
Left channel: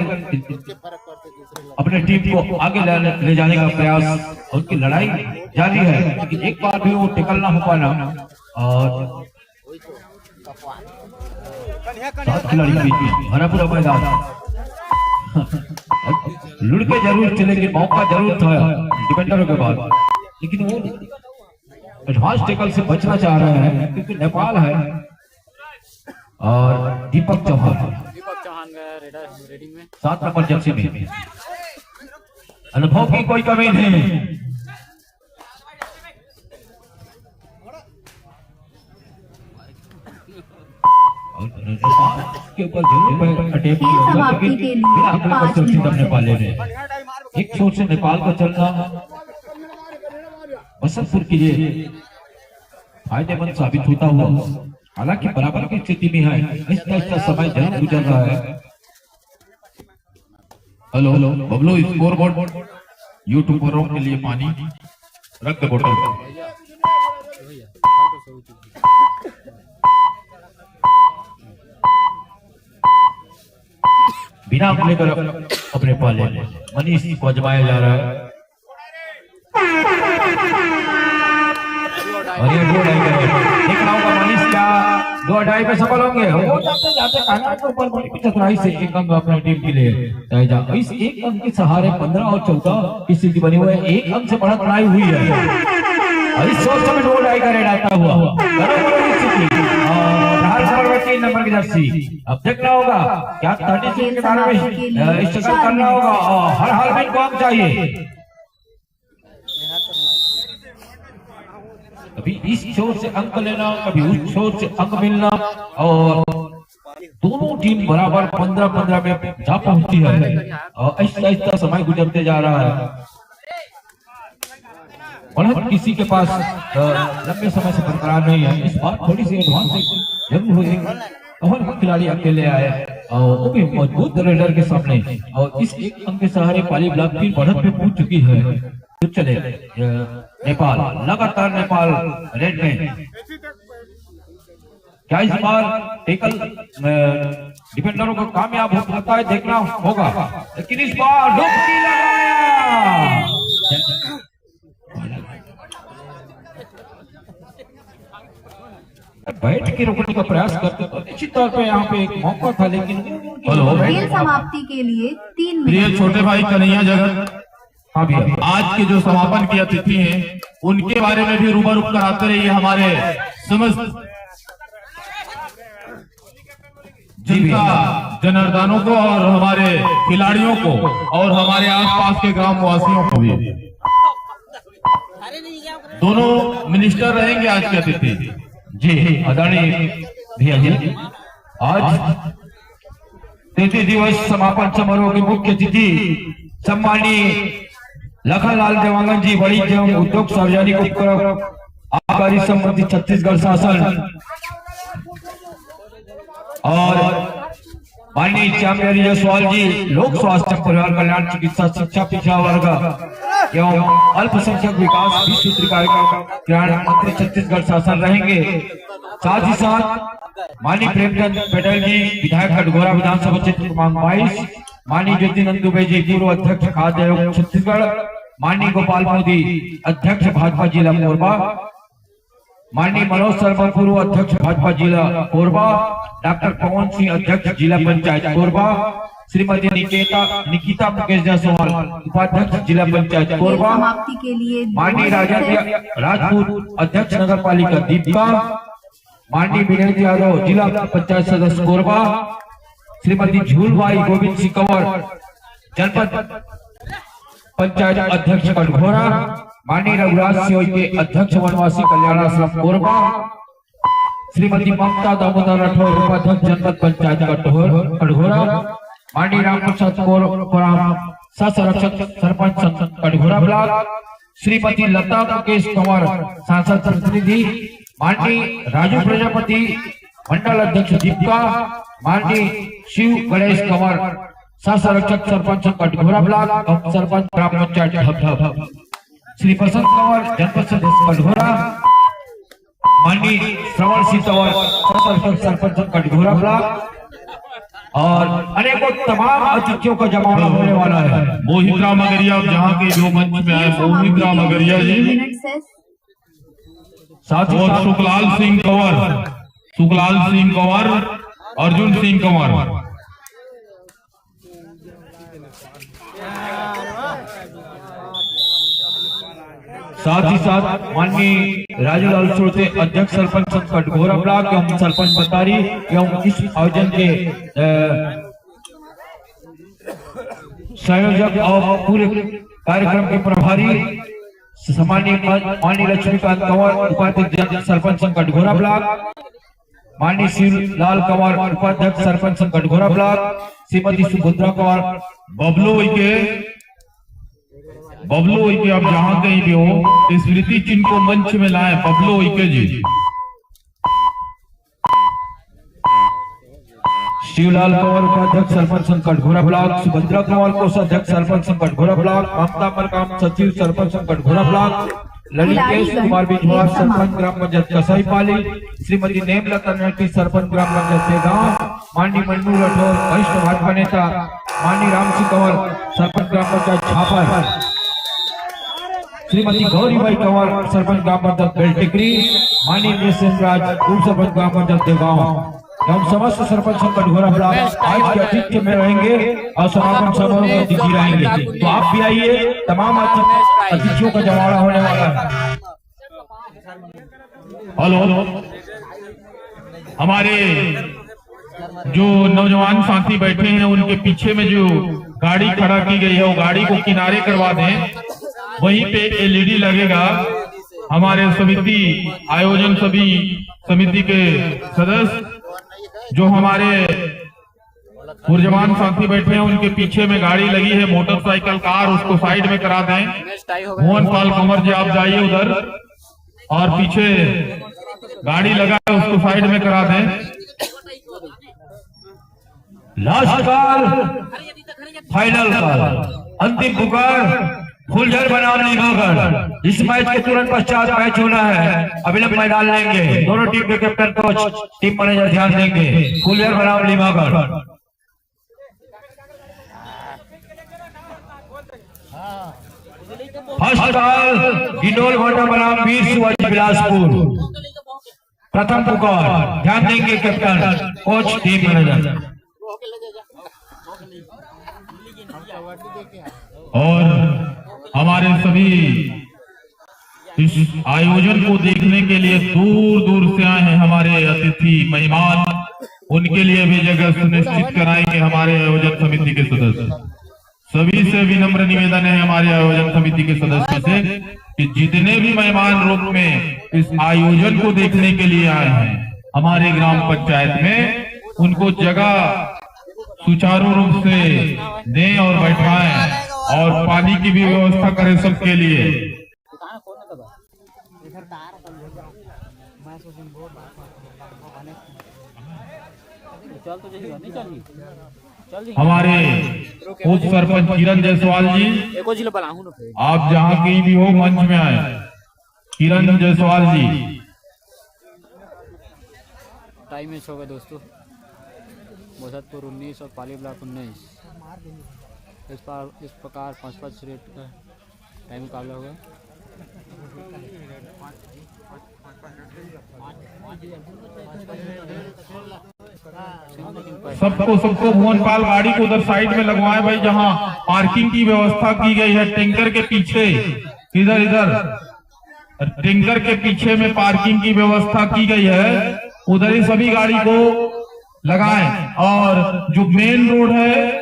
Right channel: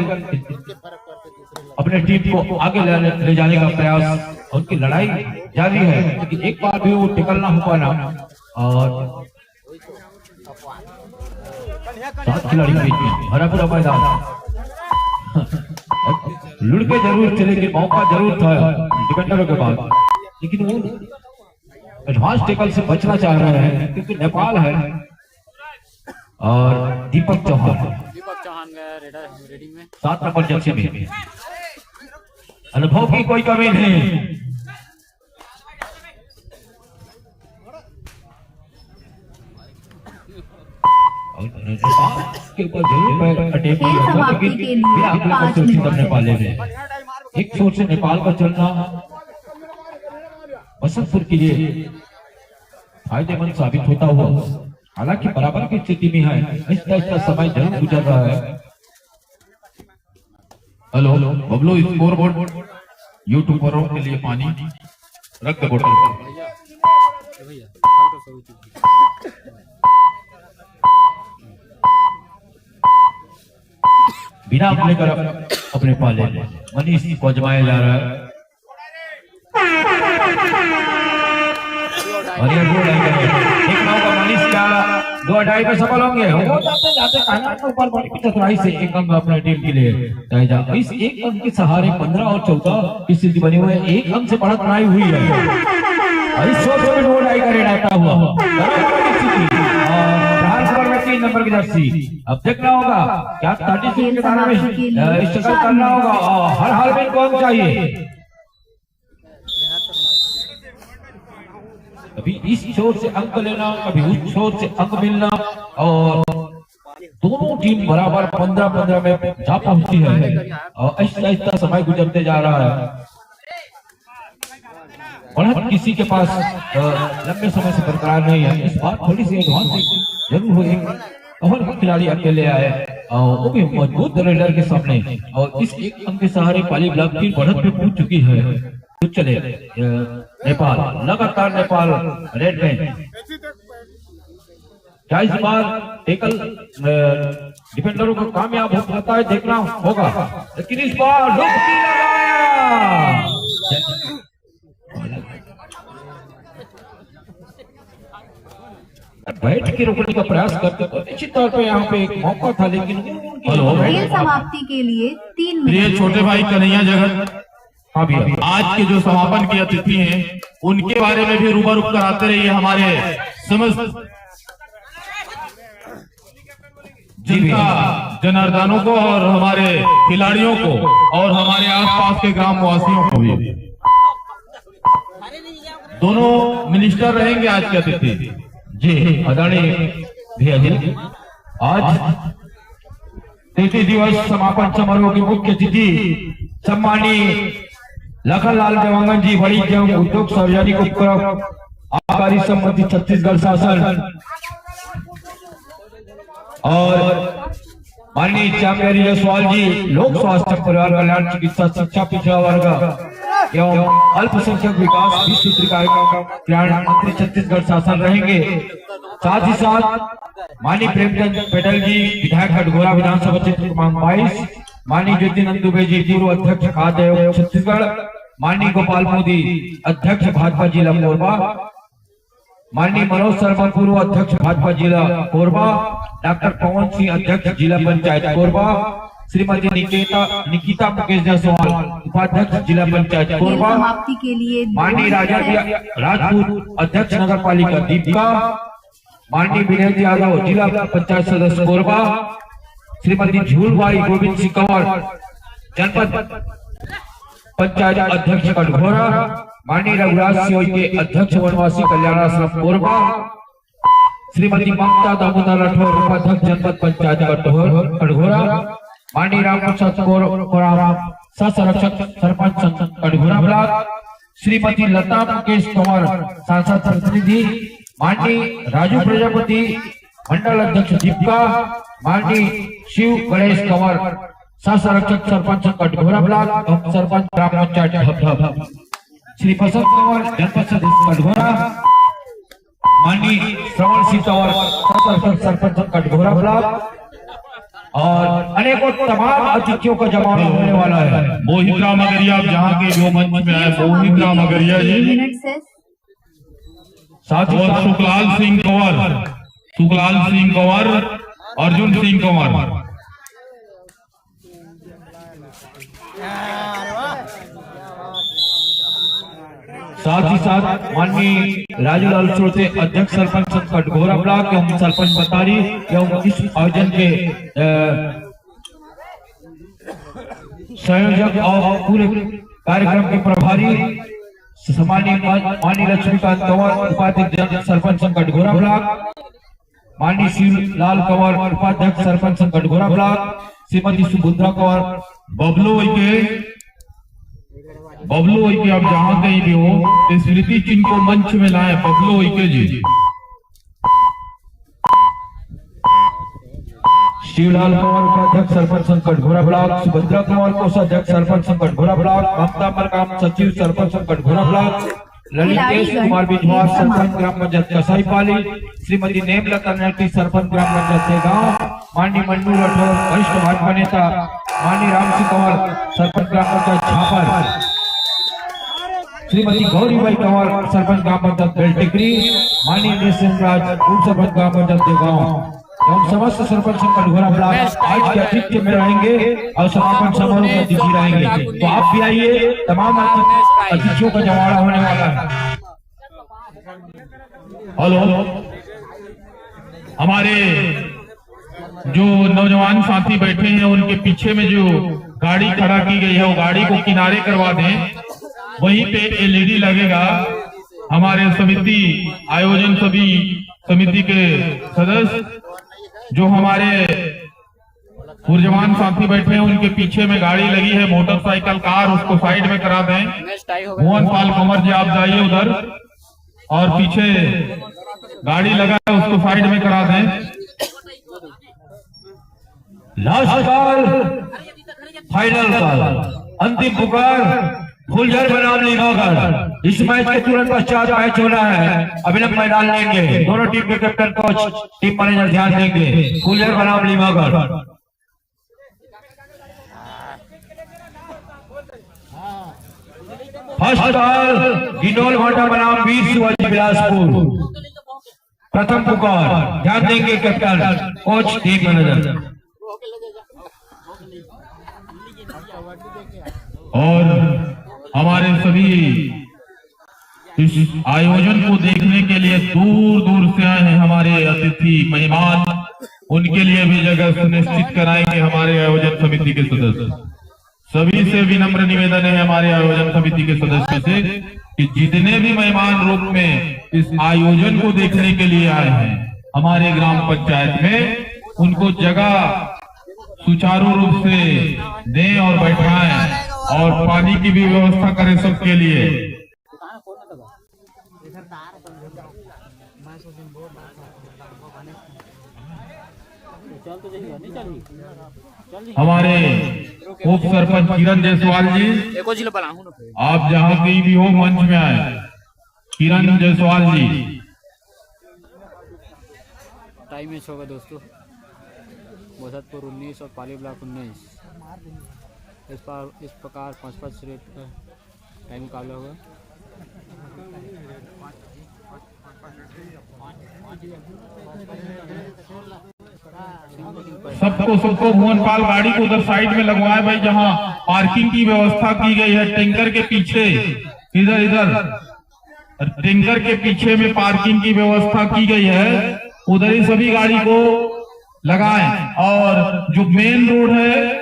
अपने टीम को आगे ले जाने का प्रयास, उनकी लड़ाई जारी है लेकिन एक बार भी वो टिकल ना हो पाना। और 7 खिलाड़ी के बीच में हरा पूरा मैदान लुढ़के जरूर चले कि मौका जरूर था डिफेंडरों के बाद, लेकिन वो एडवांस टेकल से बचना चाह रहे हैं क्योंकि नेपाल है। और दीपक चौहान गया रेडिंग में 7 नंबर जर्सी में अनुभव की कोई कमी नहीं। के ऊपर जरूर खेल समाप्ति के लिए 5 मिनट। पाले में एक छोर से नेपाल का चलना बसंतपुर के लिए फायदेमंद साबित होता हुआ, हालांकि बराबर की स्थिति में है, आहिस्ता समय जरूर गुजर रहा है। Hello hello Bablu, score board YouTube पर के लिए पानी रख दो बोतल। भैया हाल तो सही चीज बिना लेकर अपने पाले मनीष को अजमाया जा रहा है। और ये 2-2 देखना होगा मनीष क्या 2-2 पे सफल होंगे। हो जाते जाते कायनात के ऊपर बड़ी चतुराई से एक अंक अपने टीम के लिए तय जा। इस एक अंक के सहारे 15 और 14 की स्थिति बनी हुई है। एक अंक से बढ़त बनाई हुई है और इस सोच में 2-2 का रेड आता हुआ 3 नंबर की जर्सी। अब देखना होगा क्या 36 के बारे में स्ट्रगल करना होगा और हर हाल में कौन चाहिए। कभी इस छोर से अंक लेना, कभी उस छोर से अंक मिलना, और दोनों टीम बराबर 15-15 में जा पहुंची है और ऐसा समय गुजरते जा रहा है। और किसी के पास लंबे समय से बरकरार नहीं है। इस बार थोड़ी सी एडवांस जरूर हुई, और खिलाड़ी अकेले आए और वो भी मजबूत रेडर के सामने, और इस एक अंक के सहारे पाली ब्लॉक की बढ़त पे पहुंच चुकी है। तो चले नेपाल, लगातार नेपाल रेड में। क्या इस बार टेकल डिफेंडरों को कामयाब हो सकता है, देखना होगा। लेकिन इस बार डुबकी लगा, बैठ के रोकने का प्रयास करते तो निश्चित तौर पे यहाँ पे एक मौका था, लेकिन खेल समाप्ति के लिए 3 प्रिय मिनट। छोटे भाई कन्हैया जगत, हाँ भी आज के जो समापन के अतिथि हैं उनके बारे में भी रूबरू कराते रहिए हमारे समस्त जनता जनार्दनों को और हमारे खिलाड़ियों को और हमारे आसपास के ग्राम वासियों को भी। दोनों मिनिस्टर रहेंगे आज के अतिथि जी, आदरणीय भैया जी। आज 33 दिवस समापन समारोह के मुख्य अतिथि सम्मानीय लखनलाल जवांगन जी, बड़ी एवं उद्योग सार्वजनिक उपक्रम आबकारी संबंधी छत्तीसगढ़ शासन, और माननीय चामरी जायसवाल जी, लोक स्वास्थ्य परिवार कल्याण चिकित्सा शिक्षा पिछड़ा वर्ग एवं अल्पसंख्यक विकास भी सूत्र कार्यक्रम मंत्री छत्तीसगढ़ शासन रहेंगे। साथ ही साथ माननीय प्रेमचंद पटेल जी, विधायक कटघोरा विधानसभा क्षेत्र क्रमांक 22, माननीय ज्योति नंदुबे जी, पूर्व अध्यक्ष खाद्य आयोग छत्तीसगढ़, माननीय गोपाल मोदी, अध्यक्ष भाजपा जिला कोरबा, माननीय मनोज शर्मा, पूर्व अध्यक्ष भाजपा जिला कोरबा, डॉक्टर पवन सिंह, अध्यक्ष जिला पंचायत कोरबा, श्रीमती निकिता मुकेश जायसवाल, उपाध्यक्ष जिला पंचायत खेल कोरबा, समाप्ति के लिए माननीय राजपूत, अध्यक्ष नगर पालिका दीपिका, माननीय विनय यादव, जिला पंचायत सदस्य कोरबा, श्रीमती झूलबाई गोविंद सिंह कंवर, जनपद पंचायत अध्यक्ष कटघोरा, माननीय रघुराज सिंह के अध्यक्ष वनवासी कल्याण आश्रम कोरबा, श्रीमती ममता दामोदर राठौर, उपाध्यक्ष जनपद पंचायत कटघोरा, माननीय रामप्रसाद कोराम, सह संरक्षक सरपंच कटघोरा ब्लॉक, श्रीमती लता मुकेश कंवर, सांसद प्रतिनिधि, माननीय राजू प्रजापति, मंडल अध्यक्ष दीपिका, माननीय शिव गणेश कंवर, सह संरक्षक सरपंच कटघोरा ब्लॉक, सरपंच ग्राम पंचायत हब, श्री बसंत कंवर, जनपद सदस्य कटघोरा, माननीय श्रवण सिंह कंवर, सह संरक्षक सरपंच कटघोरा ब्लॉक, और अनेकों तमाम अतिथियों का जमावड़ा होने वाला है। मोहित राम अगरिया, आप जहाँ के जो मंच में आए, मोहित राम अगरिया 3 जी, मिनट से साथ ही साथ सुखलाल सिंह कंवर, अर्जुन सिंह कंवर। साथ ही साथ माननीय राजूलाल सोते, अध्यक्ष सरपंच कटघोरा ब्लॉक एवं सरपंच बतारी एवं इस आयोजन के संयोजक और पूरे कार्यक्रम के प्रभारी सम्मानीय माननीय लक्ष्मीकांत कंवर उपाध्यक्ष सरपंच संघ कटघोरा ब्लॉक, माननीय शिवलाल कंवर उपाध्यक्ष सरपंच संघ कटघोरा ब्लॉक, श्रीमती सुभद्रा कंवर बबलू के अब जहाँ कहीं भी हो स्मृति चिन्ह को मंच में लाए। बबलू के जी, शिवलाल कंवर उपाध्यक्ष सरपंच संघ कटघोरा ब्लॉक, सुभद्रा कंवर कोषाध्यक्ष सरपंच संघ कटघोरा ब्लॉक, ममता मरकाम सचिव सरपंच संघ कटघोरा ब्लॉक, ललितेश कुमार बिजवार सरपंच ग्राम पंचायत कसाईपाली, श्रीमती नेमलता नेटी सरपंच ग्राम पंचायत गांव, माननीय मन्नू राठौर वरिष्ठ भाजपा नेता, माननीय राम सिंह कंवर सरपंच ग्राम पंचायत छापर, श्रीमती गौरीबाई कंवर सरपंच ग्राम पंचायत बेलटिकरी, माननीय राज उप सरपंच ग्राम पंचायत देवगांव एवं समस्त सरपंच कटघोरा ब्लॉक आज के अतिथि में रहेंगे और समापन समारोह में दिखी रहेंगे। तो आप भी आइए, तमाम अतिथियों का जमावड़ा होने वाला है। हेलो, हमारे जो नौजवान साथी बैठे हैं उनके पीछे में जो गाड़ी खड़ा की गई है वो गाड़ी को किनारे करवा दें। वहीं पे एलईडी लगेगा। हमारे समिति आयोजन सभी समिति के सदस्य जो हमारे ऊर्जवान साथी बैठे हैं उनके पीछे में गाड़ी लगी है मोटरसाइकिल कार, उसको साइड में करा दें। मोहन पाल कंवर जी आप जाइए उधर, और पीछे गाड़ी लगा है उसको साइड में करा दें। लास्ट कॉल, फाइनल कॉल, अंतिम पुकार, फुलझर बनाम लीमागढ़। इस मैच के तुरंत पश्चात मैच होना है। अभिनव मैदान लेंगे दोनों टीम के कैप्टन कोच टीम मैनेजर ध्यान देंगे। फुलझर बनाम लीमागढ़। फर्स्ट कॉल, गिंडोल घोटा बनाम वीर शिवाजी बिलासपुर। प्रथम पुकार, ध्यान देंगे कैप्टन कोच टीम मैनेजर। और हमारे सभी इस आयोजन को देखने के लिए दूर दूर से आए हैं हमारे अतिथि मेहमान, उनके लिए भी जगह सुनिश्चित कराएंगे हमारे आयोजन समिति के सदस्य। सभी से विनम्र निवेदन है हमारे आयोजन समिति के सदस्यों से कि जितने भी मेहमान रूप में इस आयोजन को देखने के लिए आए हैं हमारे ग्राम पंचायत में, उनको जगह सुचारू रूप से दें और बैठाएं और पानी की भी व्यवस्था करें सबके लिए। हमारे उप सरपंच किरण जायसवाल जी, आप जहाँ कहीं भी हो मंच में आए। किरण जायसवाल जी। टाइम मैच होगा दोस्तों, बोधतपुर 19 और पाली ब्लॉक 19। इस प्रकार 5-5 रेट का टाइम मुकाबला होगा। सबको मोहन पाल गाड़ी को उधर साइड में लगवाए भाई, जहां पार्किंग की व्यवस्था की गई है टैंकर के पीछे, इधर टैंकर के पीछे में पार्किंग की व्यवस्था की गई है, उधर ही सभी गाड़ी को लगाएं। और जो मेन रोड है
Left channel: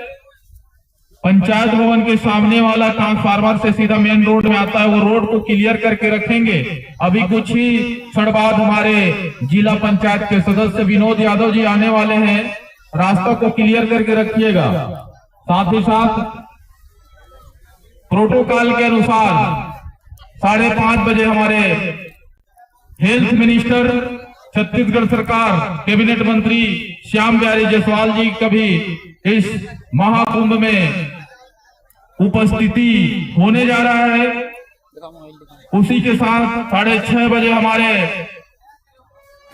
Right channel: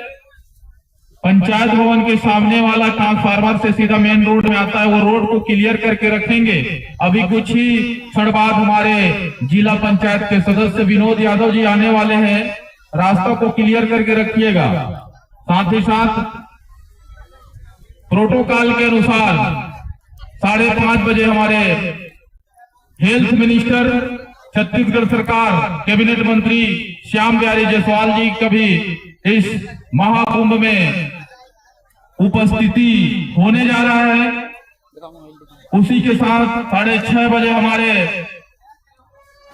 पंचायत भवन के सामने वाला ट्रांसफार्मर से सीधा मेन रोड में आता है, वो रोड को क्लियर करके रखेंगे। अभी कुछ ही क्षण बाद हमारे जिला पंचायत के सदस्य विनोद यादव जी आने वाले हैं, रास्ता को क्लियर करके रखिएगा। साथ ही साथ प्रोटोकॉल के अनुसार 5:30 बजे हमारे हेल्थ मिनिस्टर छत्तीसगढ़ सरकार कैबिनेट मंत्री श्याम बिहारी जायसवाल जी का भी इस महाकुंभ में उपस्थिति होने जा रहा है। उसी के साथ 6:30 बजे हमारे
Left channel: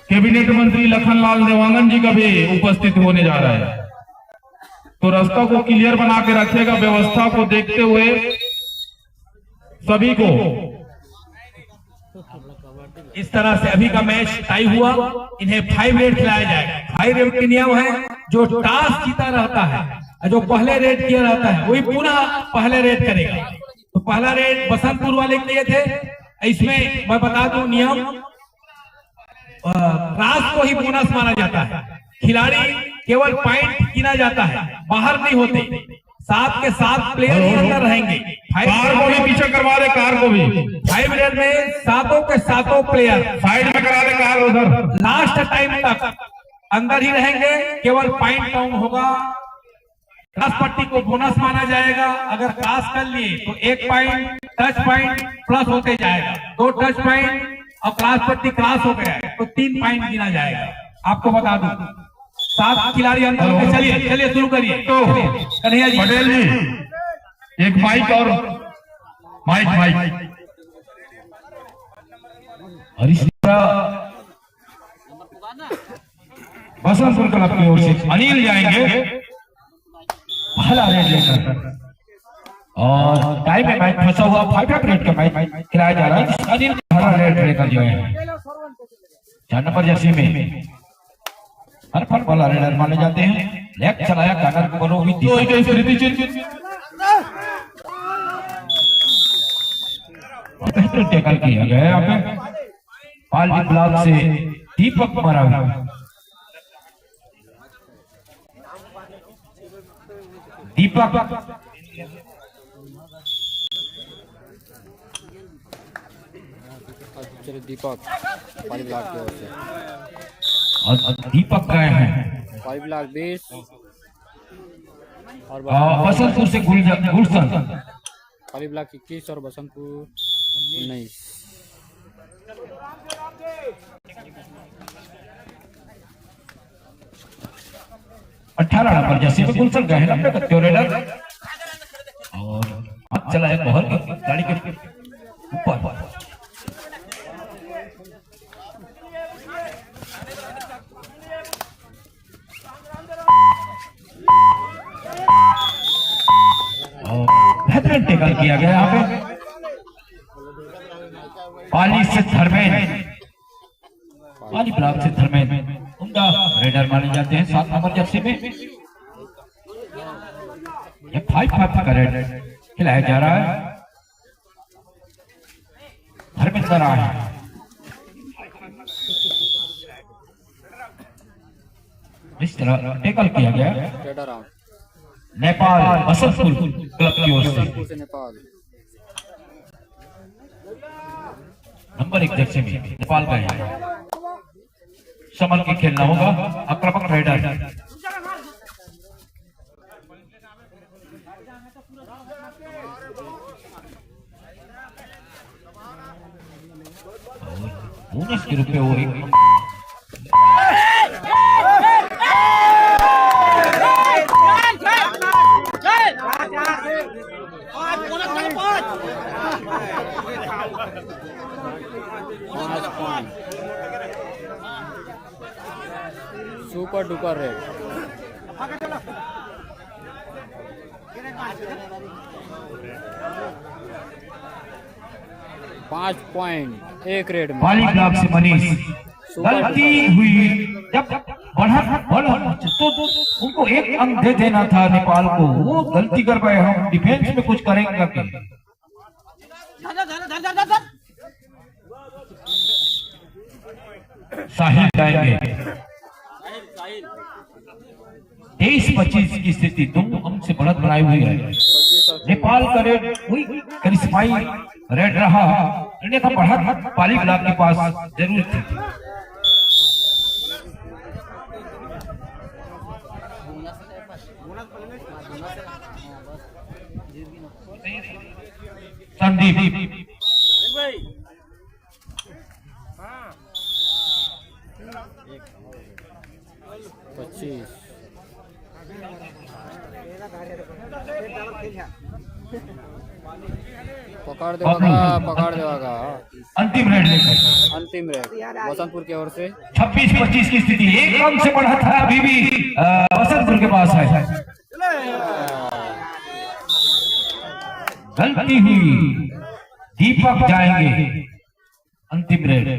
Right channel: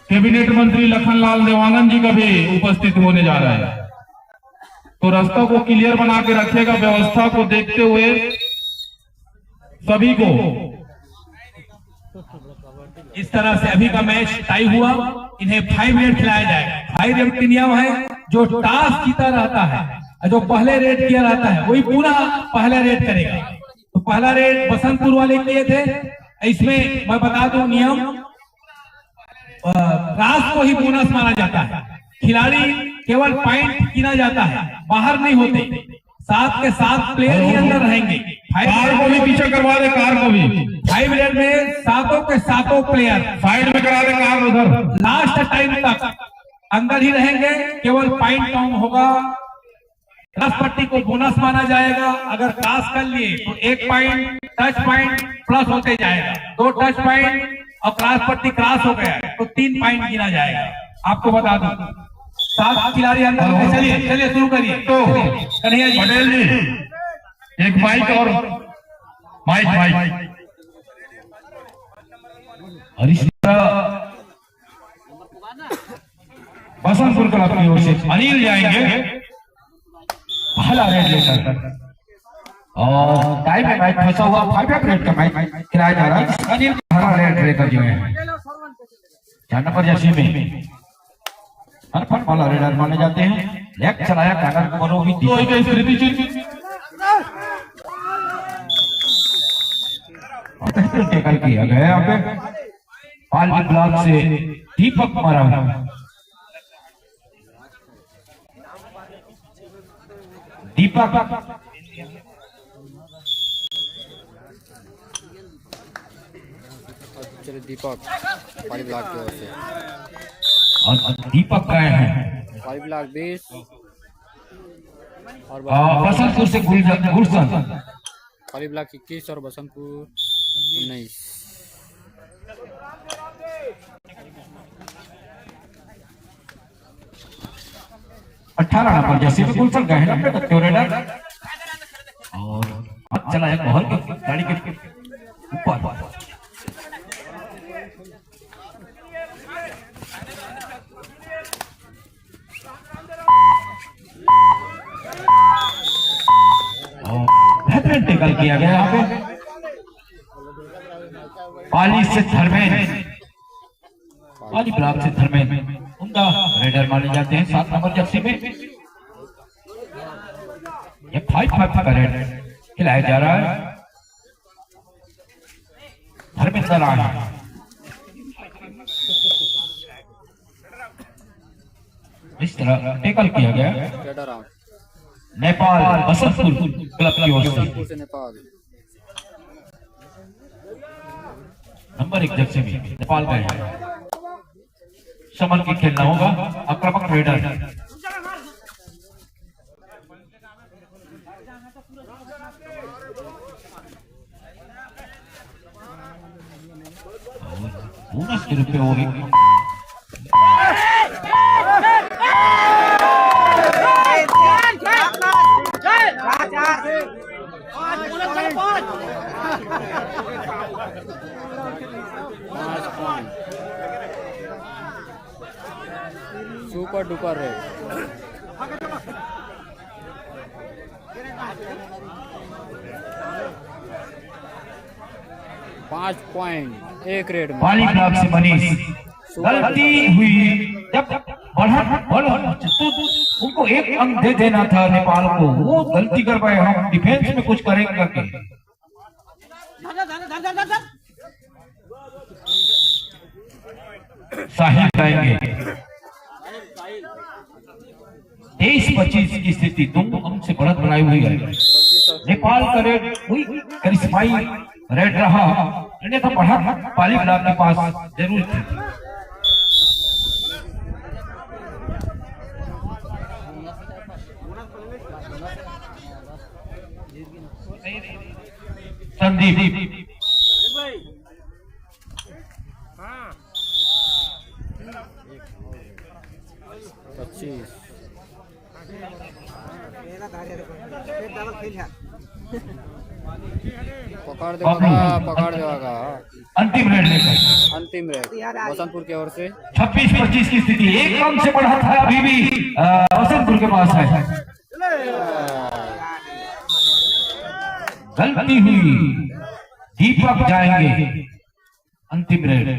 कैबिनेट मंत्री लखनलाल देवांगन जी का भी उपस्थित होने जा रहा है। तो रास्ता को क्लियर बना के रखेगा। व्यवस्था को देखते हुए सभी को इस तरह से अभी का मैच टाई हुआ, इन्हें 5 रेट खिलाया जाएगा। 5 रेट के नियम है, जो टॉस जीता रहता है, जो पहले रेट किया रहता है वही पुनः पहला रेट करेगा। तो पहला रेट बसंतपुर वाले किए थे। इसमें मैं बता दूं नियम, रात को ही बोनस माना जाता है। खिलाड़ी केवल पॉइंट गिना जाता है, बाहर नहीं होते। 7 के 7 प्लेयर ही अंदर रहेंगे। कार को भी पीछे करवा दे, कार को भी 5 मिनट में सातों के सातों प्लेयर साइड में करा दे, कार उधर। लास्ट टाइम तक अंदर ही रहेंगे, केवल पॉइंट काउंट होगा। क्रॉस पट्टी को बोनस माना जाएगा, अगर क्रॉस कर लिए तो 1 पॉइंट, टच पॉइंट प्लस होते जाएगा। 2 टच पॉइंट और क्रॉस पट्टी क्रॉस हो गया तो 3 पॉइंट गिना जाएगा। आपको बता दूं 7 खिलाड़ी अंदर होंगे। चलिए चलिए शुरू करिए। तो कन्हैया जी, पटेल जी, एक माइक और माइक बसंतपुर क्लब की ओर से अनिल जाएंगे पहला रेड लेकर, और टाइम में मैच फंसा हुआ 5 रेड का मैच खिलाया जा रहा है। अनिल पहला रेड लेकर जो है 4 नंबर जर्सी में हरफन वाला रेडर माने जाते हैं। लेग चलाया कॉर्नर बोलो भी बेहतर टैकल किया गया यहाँ पे। पाली ब्लॉक से दीपक मारा दीपक चलिए दीपक पाली ब्लॉक की ओर से, और दीपक गए हैं पाली ब्लॉक 20 और बसंतपुर से गुलशन, पाली ब्लॉक 21 और बसंतपुर 19। अठारह नंबर जैसे भी गुलशन गए हैं अपने बच्चों रेडर, और हाथ चला है बॉल गाड़ी के ऊपर। बेहतरीन टैकल किया गया यहाँ पे। पाली से धर्मेंद्र, पाली ब्लॉक से धर्मेंद्र उनका रेडर माने जाते हैं 7 नंबर जर्सी में। ये 5 का रेड खिलाया जा रहा है। धर्मेंद्र आए इस तरह टैकल किया गया। नेपाल बसंतपुर क्लब की ओर से नेपाल नंबर 1 जर्सी में नेपाल गए हैं। समन की खेलना होगा, आक्रामक रेडर। उन्नीस के रुपये हो गई। Super duper red. पाँच पॉइंट 1 रेड में पाली ब्लॉक से मनीष गलती हुई, जब बढ़ा तो उनको 1 अंक दे देना था नेपाल को, वो गलती कर पाए। हम डिफेंस में कुछ करेंगे कि साहिल जाएंगे। 23-25 की स्थिति 2 अंक से बढ़त बनाई हुई है। नेपाल का रेड वही करिश्माई रेड रहा, अन्यथा बढ़त पाली ब्लॉक के पास जरूर थी। संदीप 25 पकड़ देगा अंतिम रेड लेकर अंतिम रेड बसंतपुर की ओर से 26-25 की स्थिति 1 अंक से बढ़ा था। अभी भी बसंतपुर के पास है। गलती हुई, दीपक जाएंगे अंतिम रेड।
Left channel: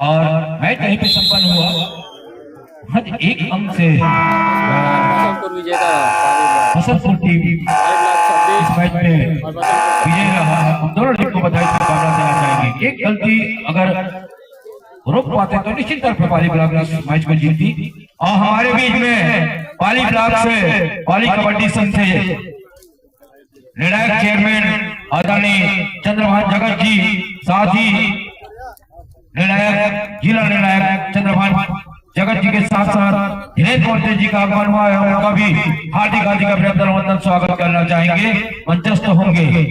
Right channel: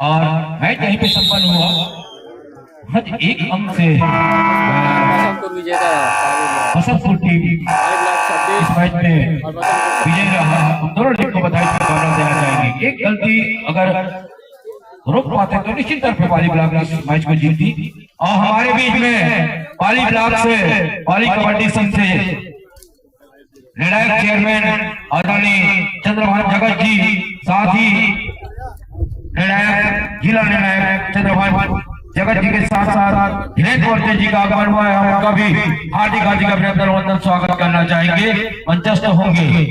और मैच यहीं पे संपन्न हुआ। हज 1 अंक से बसंतपुर विजेता रहा। बसंतपुर टीम पाली ब्लॉक 26 मैच में और बसंतपुर विजय रहा। दोनों टीम को बधाई देना चाहेंगे। एक गलती अगर रोक पाते तो निश्चित तौर पर पाली ब्लॉक मैच में जीतती। और हमारे बीच में पाली ब्लॉक से पाली कबड्डी संघ से निर्णायक चेयरमैन आदरणीय चंद्रभान जगत जी, साथ ही निर्णायक जिला निर्णायक चंद्रभान जगत जी के साथ साथ धीरेन्द्र वर्ते जी का आगमन हुआ है। हम उनका भी हार्दिक हार्दिक अभिनंदन वंदन स्वागत करना चाहेंगे, मंचस्थ होंगे।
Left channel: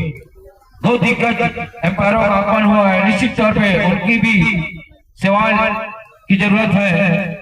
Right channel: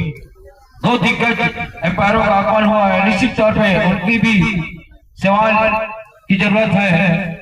दो दिग्गज एम्पायरों का आगमन हुआ है, निश्चित तौर पे उनकी भी सेवाओं की जरूरत है।